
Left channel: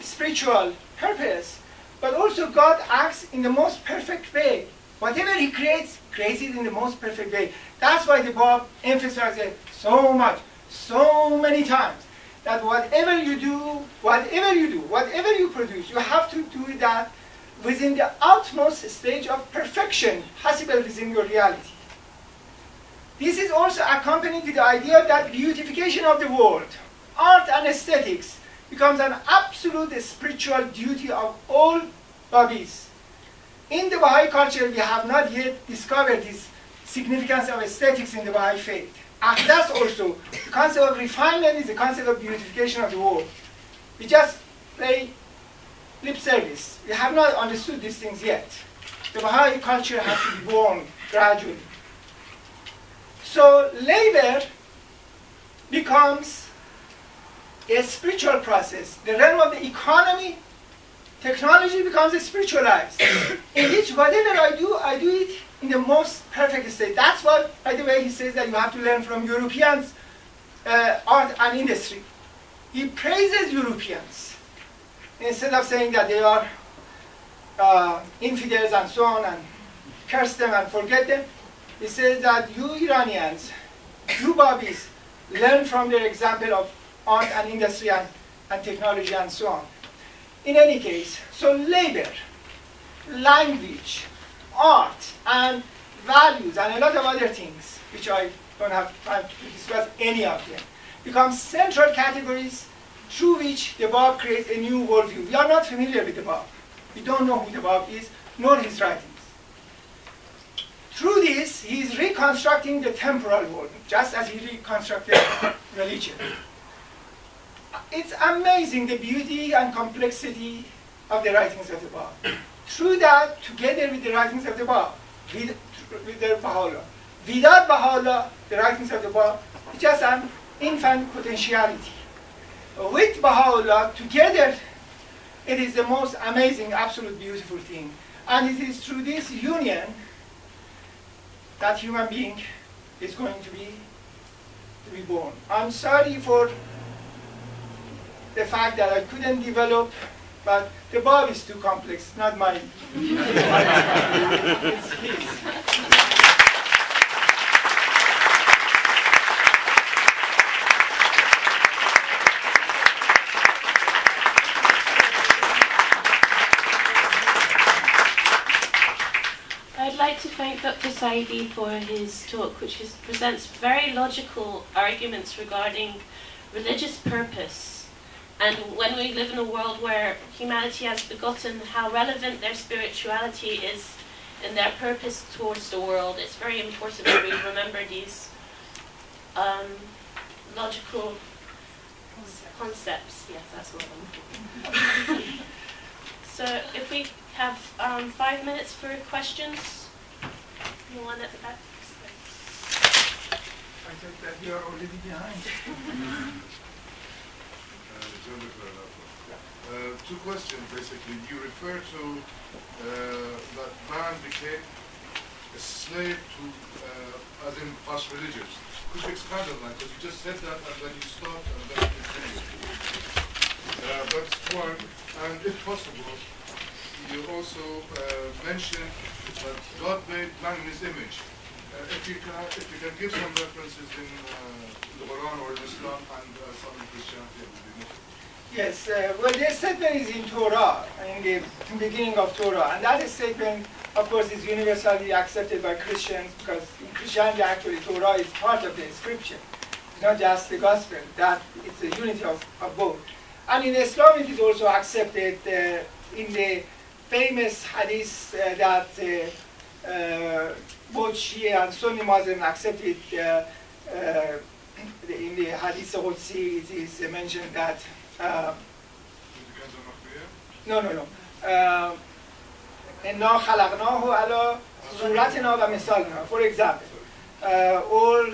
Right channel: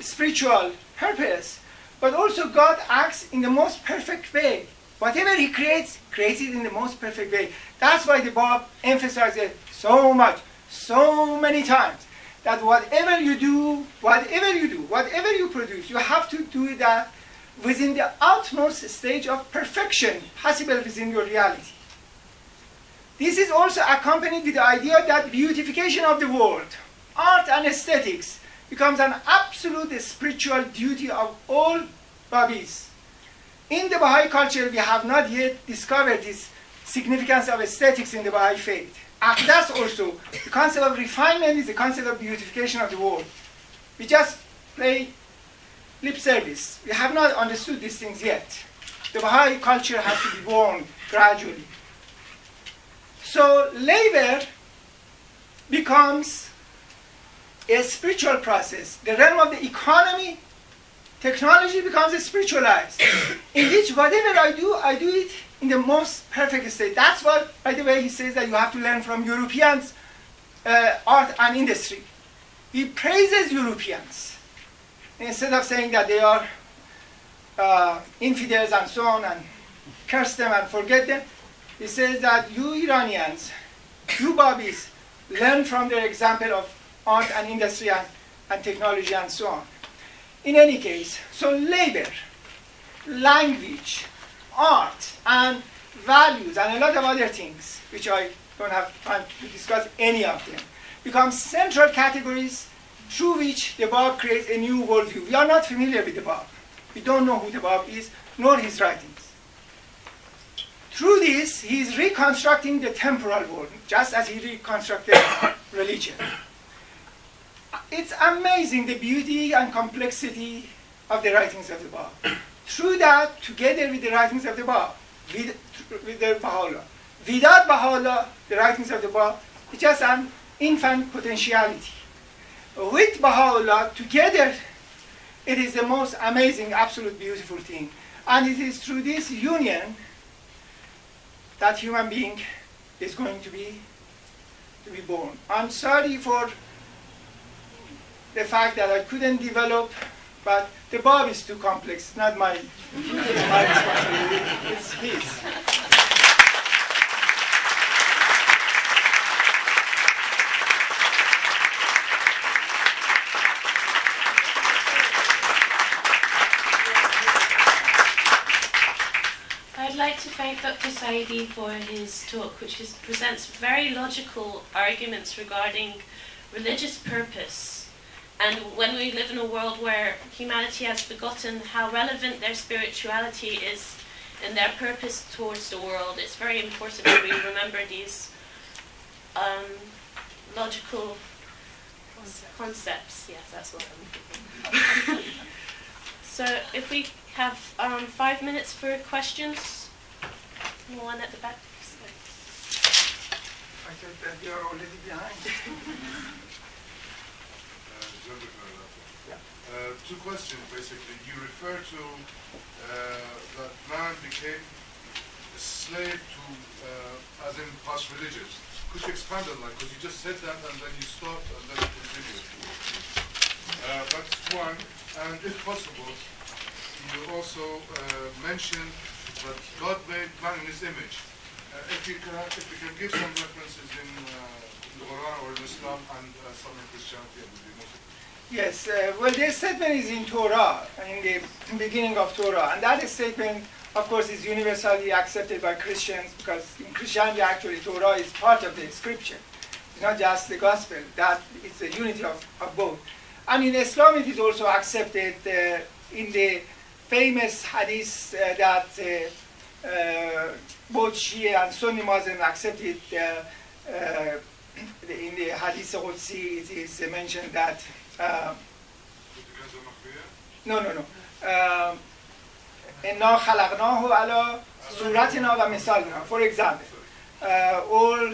spiritual purpose, but also God acts in the most perfect way. Whatever He creates, creates it in the most perfect way. That's why the Bab emphasizes so much, so many times, that whatever you do, whatever you produce, you have to do that within the utmost stage of perfection possible within your reality. This is also accompanied with the idea that beautification of the world, art and aesthetics, becomes an absolute spiritual duty of all Babis. In the Baha'i culture, we have not yet discovered this significance of aesthetics in the Baha'i faith. And that's also the concept of refinement is the concept of beautification of the world. We just play lip service. We have not understood these things yet. The Baha'i culture has to be born gradually. So labor becomes a spiritual process. The realm of the economy, technology becomes spiritualized, in which whatever I do it in the most perfect state. That's what, by the way, he says that you have to learn from Europeans' art and industry. He praises Europeans. Instead of saying that they are infidels and so on, and curse them and forget them, he says that you Iranians, you Babis, learn from their example of art and industry and technology and so on. In any case, so labor, language, art, and values, and a lot of other things, which I don't have time to discuss any of them, become central categories through which the Bab creates a new worldview. We are not familiar with the Bab. We don't know who the Bab is, nor his writings. Through this, he is reconstructing the temporal world, just as he reconstructed religion. It's amazing the beauty and complexity of the writings of the Bab. Through that, together with the writings of the Bab, with the Baha'u'llah. Without Baha'u'llah, the writings of the Bab, it's just an infant potentiality. With Baha'u'llah, together, it is the most amazing, absolute beautiful thing. And it is through this union that human being is going to be born. I'm sorry for the fact that I couldn't develop, but the Bab is too complex, not my responsibility. It's his. I'd like to thank Dr. Saidi for his talk, which presents very logical arguments regarding religious purpose. And when we live in a world where humanity has forgotten how relevant their spirituality is in their purpose towards the world, it's very important that we remember these logical concepts. Yes, that's what I'm looking for. So if we have 5 minutes for questions. One at the back. I think that you are already behind. Two questions, basically. You refer to that man became a slave to, as in us religious. Could you expand on that? Because you just said that and then you stopped and then you continued. That's one. And if possible, you also mentioned that God made man in his image. If you can give some references in the Quran or in Islam and some in Christianity, it would be most. Yes, well, this statement is in Torah, in the beginning of Torah, and that statement, of course, is universally accepted by Christians, because in Christianity, actually, Torah is part of the scripture. It's not just the gospel, that it's the unity of both. And in Islam, it is also accepted in the famous hadith that both Shia and Sunni Muslims accepted in the Hadith Qudsi, it is mentioned that no. إِنَّا خَلَقْنَاهُ عَلَى صُورَتِنَا وَمِثَالِنَا. For example, all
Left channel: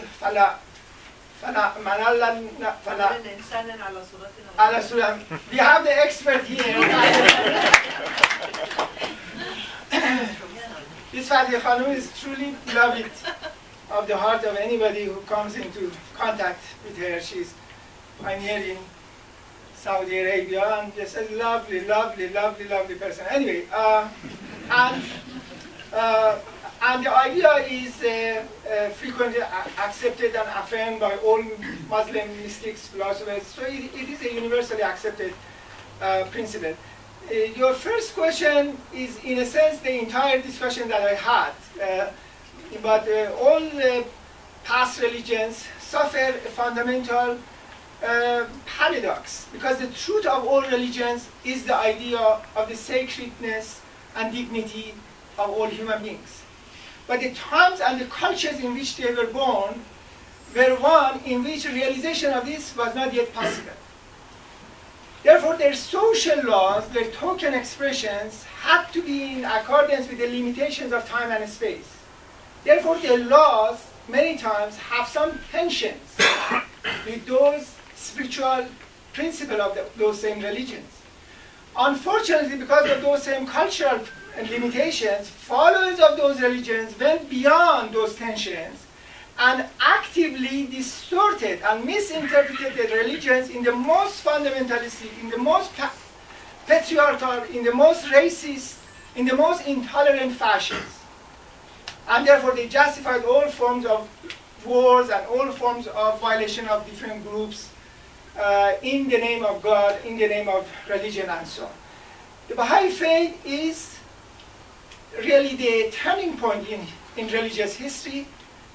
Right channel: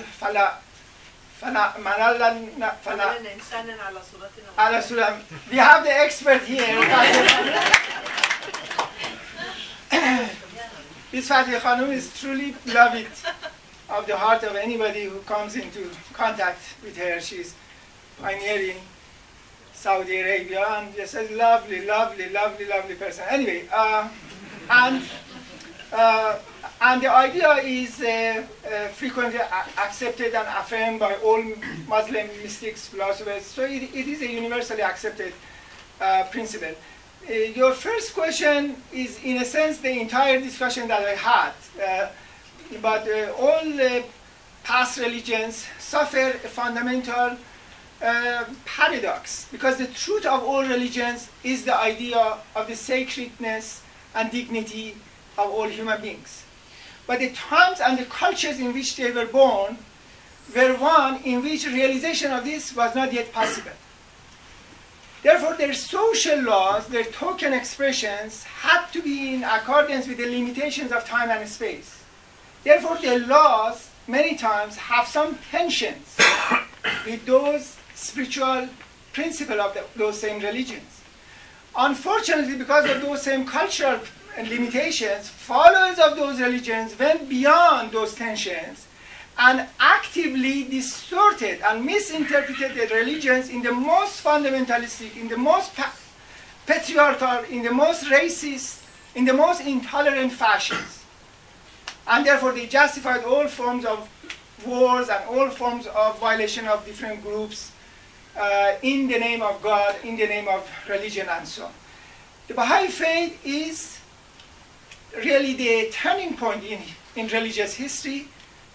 we have the expert here. This Fatih Khanum is truly beloved of the heart of anybody who comes into contact with her. She's pioneering Saudi Arabia, and just a lovely person. Anyway, and the idea is frequently accepted and affirmed by all Muslim mystics, philosophers. So it is a universally accepted principle. Your first question is, in a sense, the entire discussion that I had. But all past religions suffer a fundamental paradox, because the truth of all religions is the idea of the sacredness and dignity of all human beings. But the times and the cultures in which they were born were one in which realization of this was not yet possible. Therefore, their social laws, their token expressions, had to be in accordance with the limitations of time and space. Therefore, their laws many times have some tensions with those spiritual principles of those same religions. Unfortunately, because of those same cultural limitations, followers of those religions went beyond those tensions and actively distorted and misinterpreted the religions in the most fundamentalistic, in the most patriarchal, in the most racist, in the most intolerant fashions. And therefore they justified all forms of wars and all forms of violation of different groups in the name of God, in the name of religion, and so on. The Baha'i faith is really the turning point in religious history,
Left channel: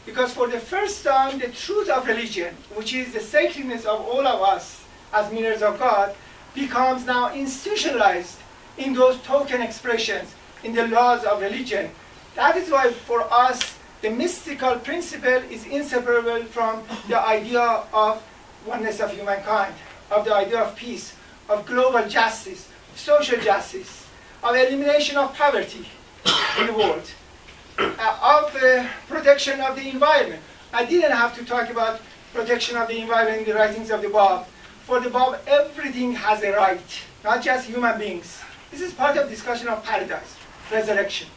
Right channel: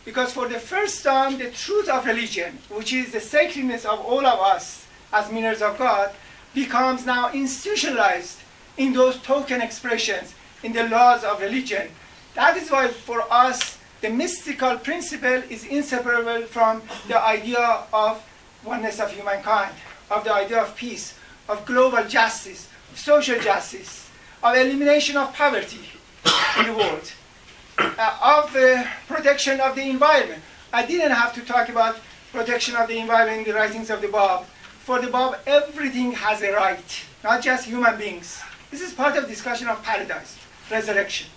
because for the first time the truth of religion, which is the sacredness of all of us as mirrors of God, becomes now institutionalized in those token expressions, in the laws of religion. That is why for us the mystical principle is inseparable from the idea of oneness of humankind, of the idea of peace, of global justice, of social justice, of elimination of poverty in the world, of protection of the environment. I didn't have to talk about protection of the environment in the writings of the Bab. For the Bab, everything has a right, not just human beings. This is part of discussion of paradise, resurrection.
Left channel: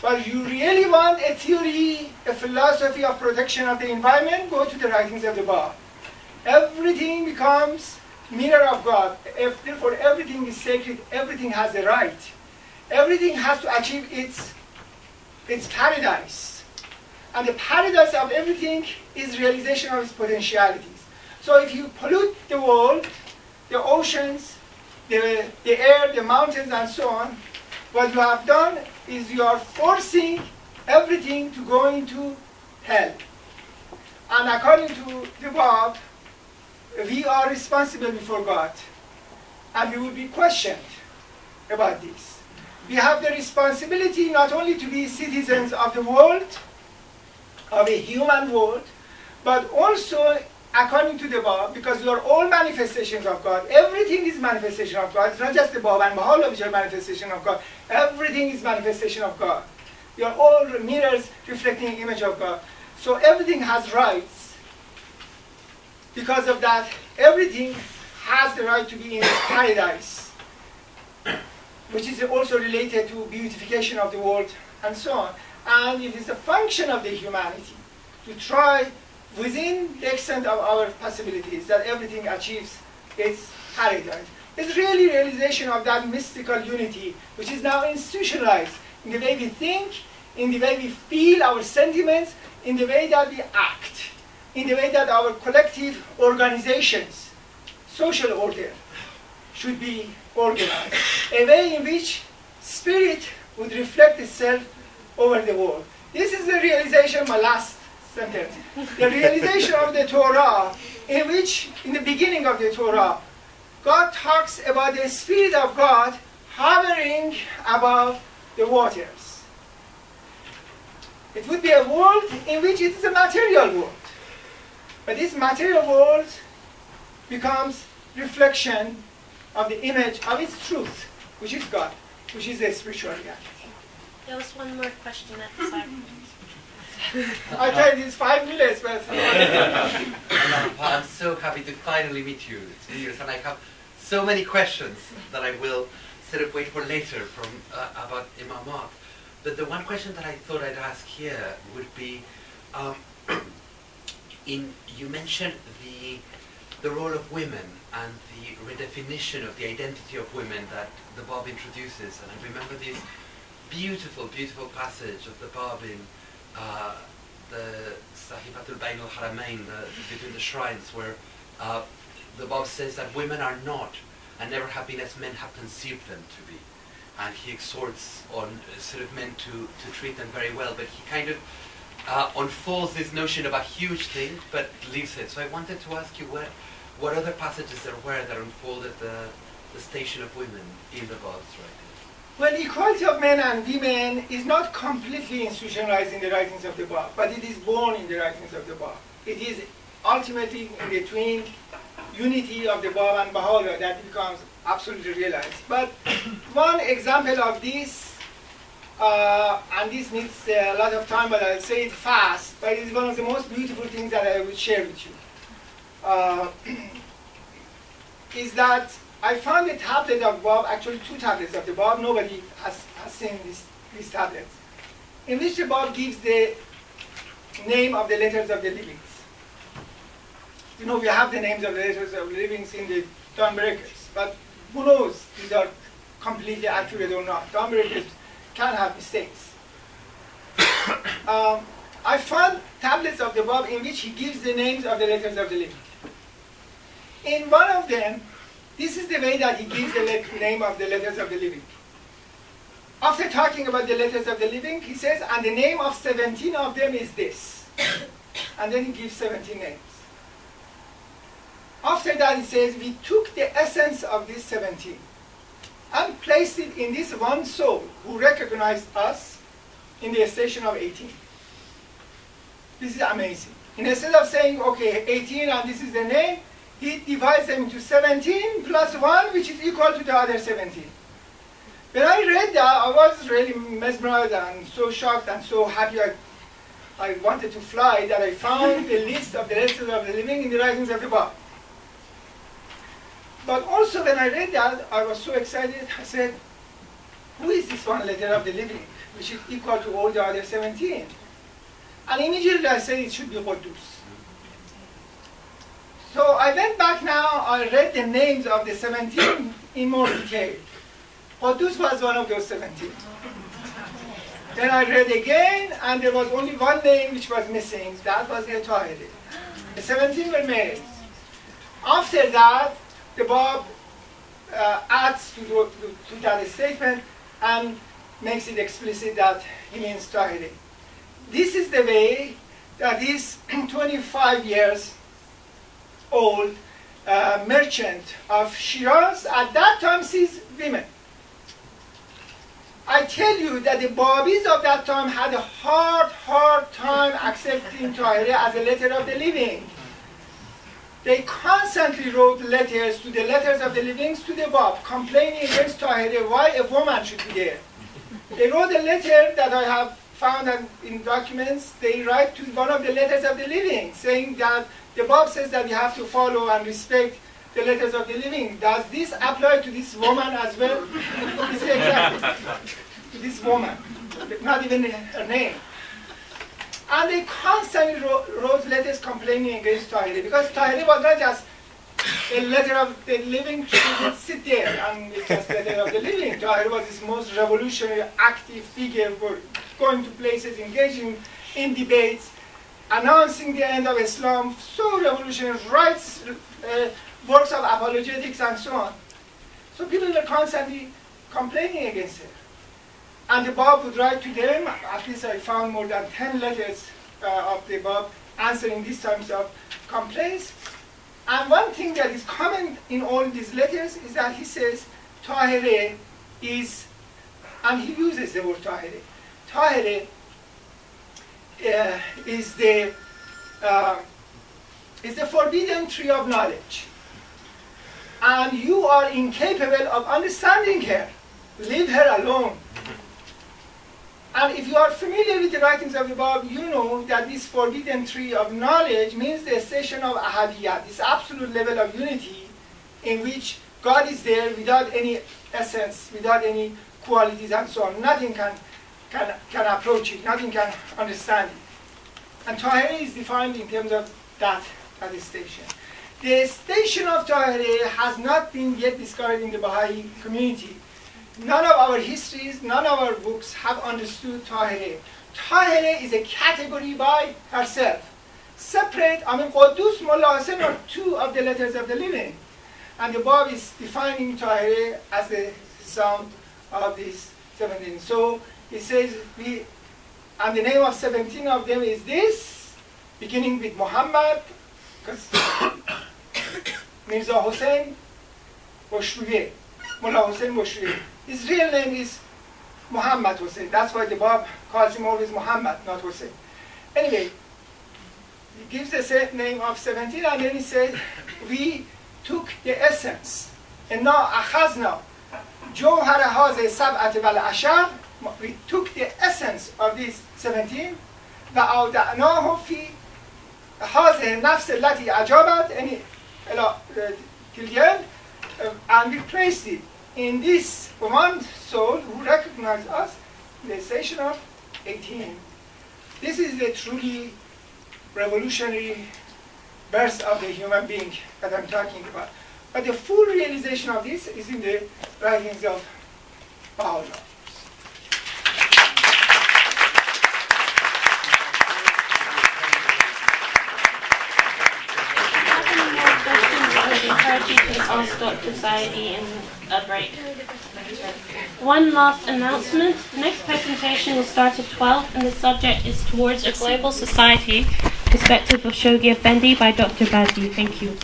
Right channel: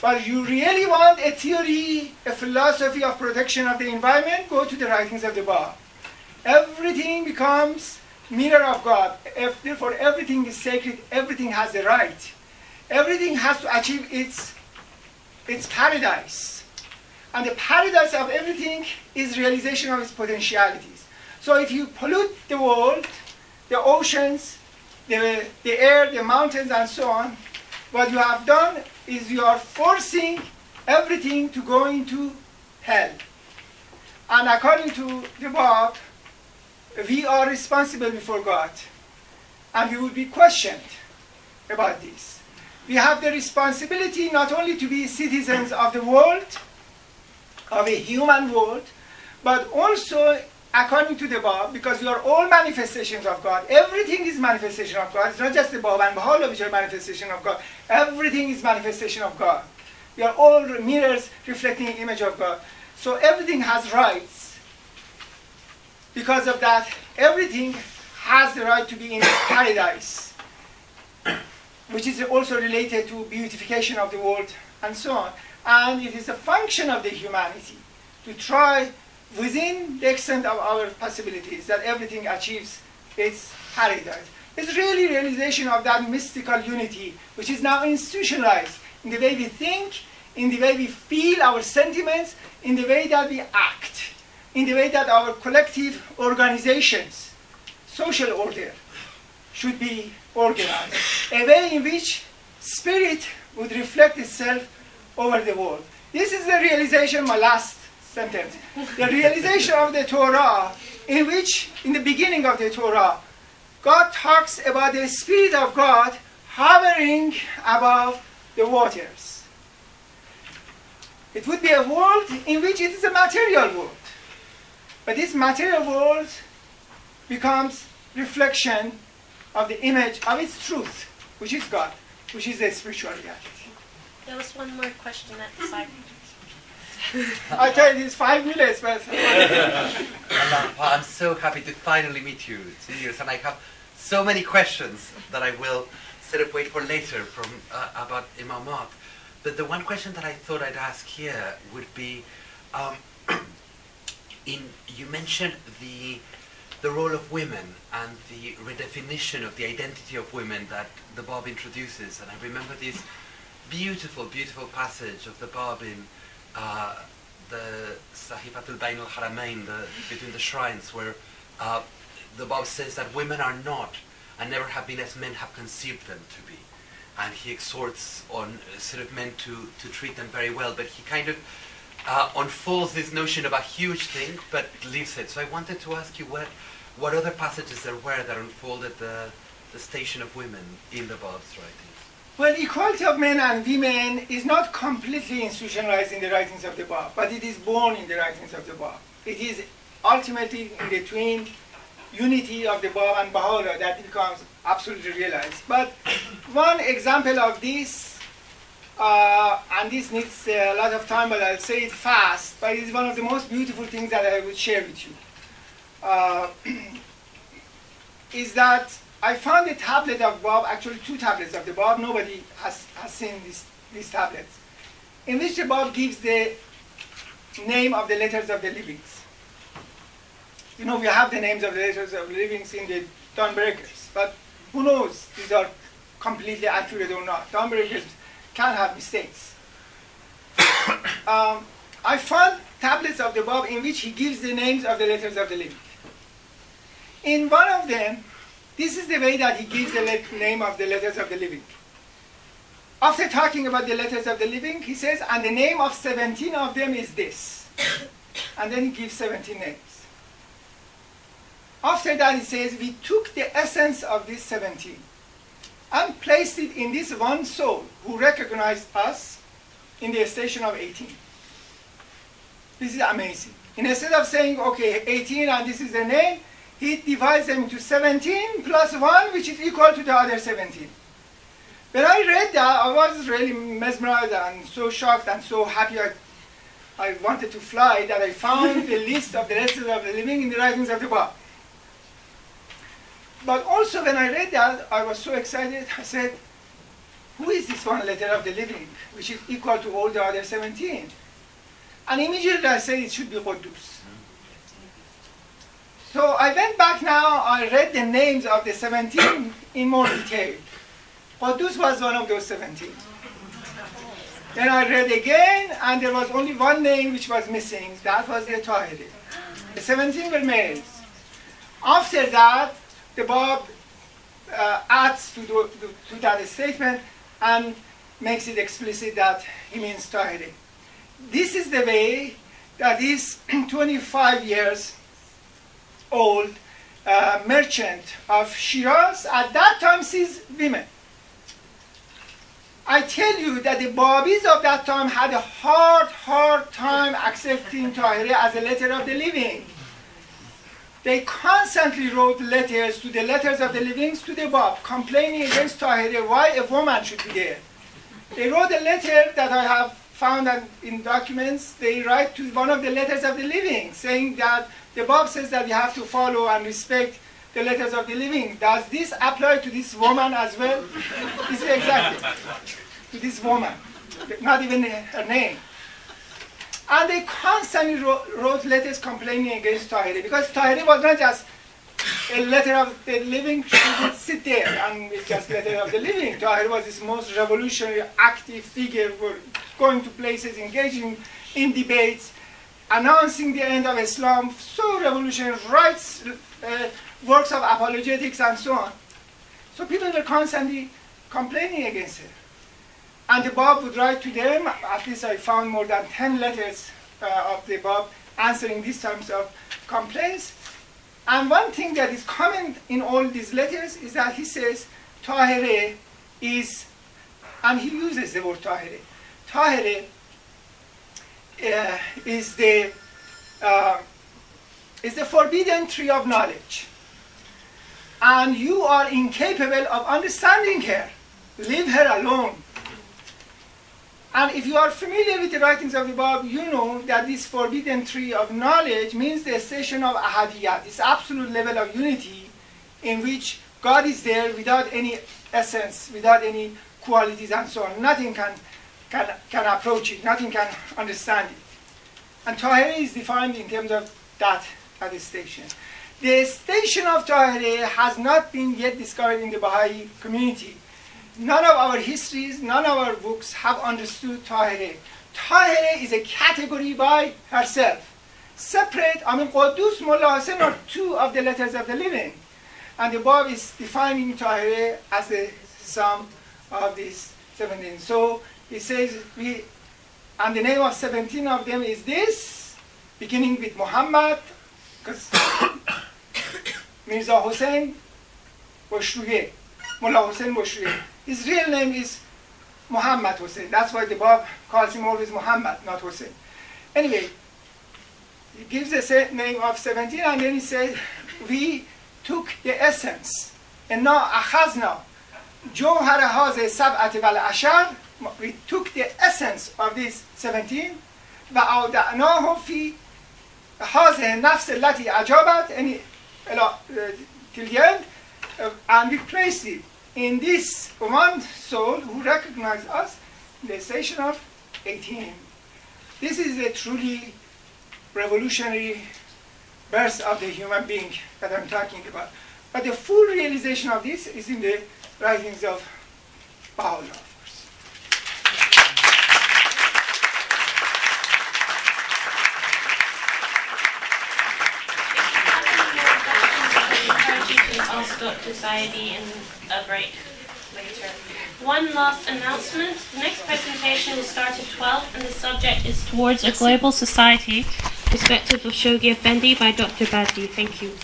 But you really want a theory, a philosophy of protection of the environment, go to the writings of the Bab. Everything becomes mirror of God. Therefore, everything is sacred, everything has a right. Everything has to achieve its paradise. And the paradise of everything is realization of its potentialities. So if you pollute the world, the oceans, the air, the mountains, and so on, what you have done is you are forcing everything to go into hell. And according to the Bab, we are responsible before God. And we will be questioned about this. We have the responsibility not only to be citizens of the world, of a human world, but also according to the Bab, because we are all manifestations of God. Everything is manifestation of God. It's not just the Bab and Baha'u'llah which are manifestation of God. Everything is manifestation of God. We are all mirrors reflecting the image of God. So everything has rights. Because of that, everything has the right to be in paradise, which is also related to beautification of the world and so on. And it is a function of the humanity to try within the extent of our possibilities that everything achieves its paradise. It's really realization of that mystical unity, which is now institutionalized in the way we think, in the way we feel our sentiments, in the way that we act, in the way that our collective organizations, social order, should be organized. A way in which spirit would reflect itself over the world. This is the realization, my last sentence, the realization of the Torah, in which, in the beginning of the Torah, God talks about the Spirit of God hovering above the waters. It would be a world in which it is a material world. But this material world becomes reflection of the image of its truth, which is God, which is a spiritual reality. There was one more question at the side. I tell you, it's 5 minutes, but I'm so happy to finally meet you, Sirius, and I have so many questions that I will sort of wait for later from about Imamat. But the one question that I thought I'd ask here would be, you mentioned the role of women and the redefinition of the identity of women that the Bab introduces, and I remember this beautiful, beautiful passage of the Bab in the Sahifatul Bain al-Haramain, between the shrines, where the Bab says that women are not and never have been as men have conceived them to be. And he exhorts on sort of men to treat them very well, but he kind of unfolds this notion of a huge thing, but leaves it. So I wanted to ask you what other passages there were that unfolded the station of women in the Bab's writing. well, equality of men and women is not completely institutionalized in the writings of the Bab, but it is born in the writings of the Bab. It is ultimately in the twin unity of the Bab and Baha'u'llah that it becomes absolutely realized. But one example of this, and this needs a lot of time, but I'll say it fast, but it is one of the most beautiful things that I will share with you, is that I found a tablet of Bab, actually 2 tablets of the Bab. Nobody has seen these tablets, in which the Bab gives the name of the letters of the livings. You know, we have the names of the letters of the livings in the Dawnbreakers, but who knows these are completely accurate or not. Dawnbreakers can have mistakes. I found tablets of the Bab in which he gives the names of the letters of the living. In one of them, this is the way that he gives the name of the letters of the living. After talking about the letters of the living, he says, and the name of 17 of them is this. And then he gives 17 names. After that, he says, we took the essence of this 17 and placed it in this one soul who recognized us in the station of 18. This is amazing. Instead of saying, okay, 18 and this is the name, he divides them into 17 plus 1, which is equal to the other 17. When I read that, I was really mesmerized and so shocked and so happy. I wanted to fly that I found the list of the letters of the living in the writings of the Bab. But also when I read that, I was so excited. I said, who is this one letter of the living, which is equal to all the other 17? And immediately I said it should be Quddus. So I went back now, I read the names of the 17 in more detail. Quddus was one of those 17. Then I read again, and there was only one name which was missing. That was the Tahiri. The 17 were males. After that, the Bab adds to that statement and makes it explicit that he means Tahiri. This is the way that this 25 years old merchant of Shiraz at that time sees women. I tell you that the Babis of that time had a hard time accepting Tahiri as a letter of the living. They constantly wrote letters to the letters of the livings to the Bab, complaining against Tahiri, why a woman should be there. They wrote a letter that I have found in documents. They write to one of the letters of the living, saying that the Bab says that we have to follow and respect the letters of the living. Does this apply to this woman as well? It's exactly to this woman, not even her name. And they constantly wrote letters complaining against Tahiri, because Tahiri was not just a letter of the living. She didn't sit there and it's just a letter of the living. Tahiri was this most revolutionary, active figure, for going to places, engaging in debates, announcing the end of Islam, so revolutionary, writes works of apologetics and so on. So people were constantly complaining against her. And the Bab would write to them. At least I found more than 10 letters of the Bab answering these types of complaints. And one thing that is common in all these letters is that he says Tahiri is, and he uses the word Tahiri. Tahiri is the is the forbidden tree of knowledge. And you are incapable of understanding her. Leave her alone. And if you are familiar with the writings of the Bab, you know that this forbidden tree of knowledge means the station of ahadiyat, this absolute level of unity in which God is there without any essence, without any qualities and so on. Nothing can approach it, nothing can understand it. And Tahiri is defined in terms of that station. The station of Tahiri has not been yet discovered in the Baha'i community. None of our histories, none of our books have understood Tahiri. Tahiri is a category by herself. Separate, Qudus, Mullah Hassan are two of the letters of the living. And the Bab is defining Tahiri as the sum of these 17. So he says, and the name of 17 of them is this, beginning with Muhammad, because Mirza Hussain Boshruye, Mullah Hussain Boshruye. His real name is Muhammad Hussain. That's why the Bab calls him always Muhammad, not Hussain. Anyway, he gives the name of 17 and then he says, we took the essence. And now, akhazna, jawhar haze sab'at wal ashar, we took the essence of these 17, وَأَوْدَعْنَاهُ فِي هَذِهِ النَّفْسِ الَّتِي أَجَابَتْ, till the end, and we placed it in this one soul who recognized us in the station of 18. This is the truly revolutionary birth of the human being that I'm talking about. But the full realization of this is in the writings of Baha'u'llah. Ask Dr. Saidi in a break later. One last announcement. The next presentation will start at 12 and the subject is Towards a Global Society, Perspective of Shoghi Effendi by Dr. Bazdi. Thank you.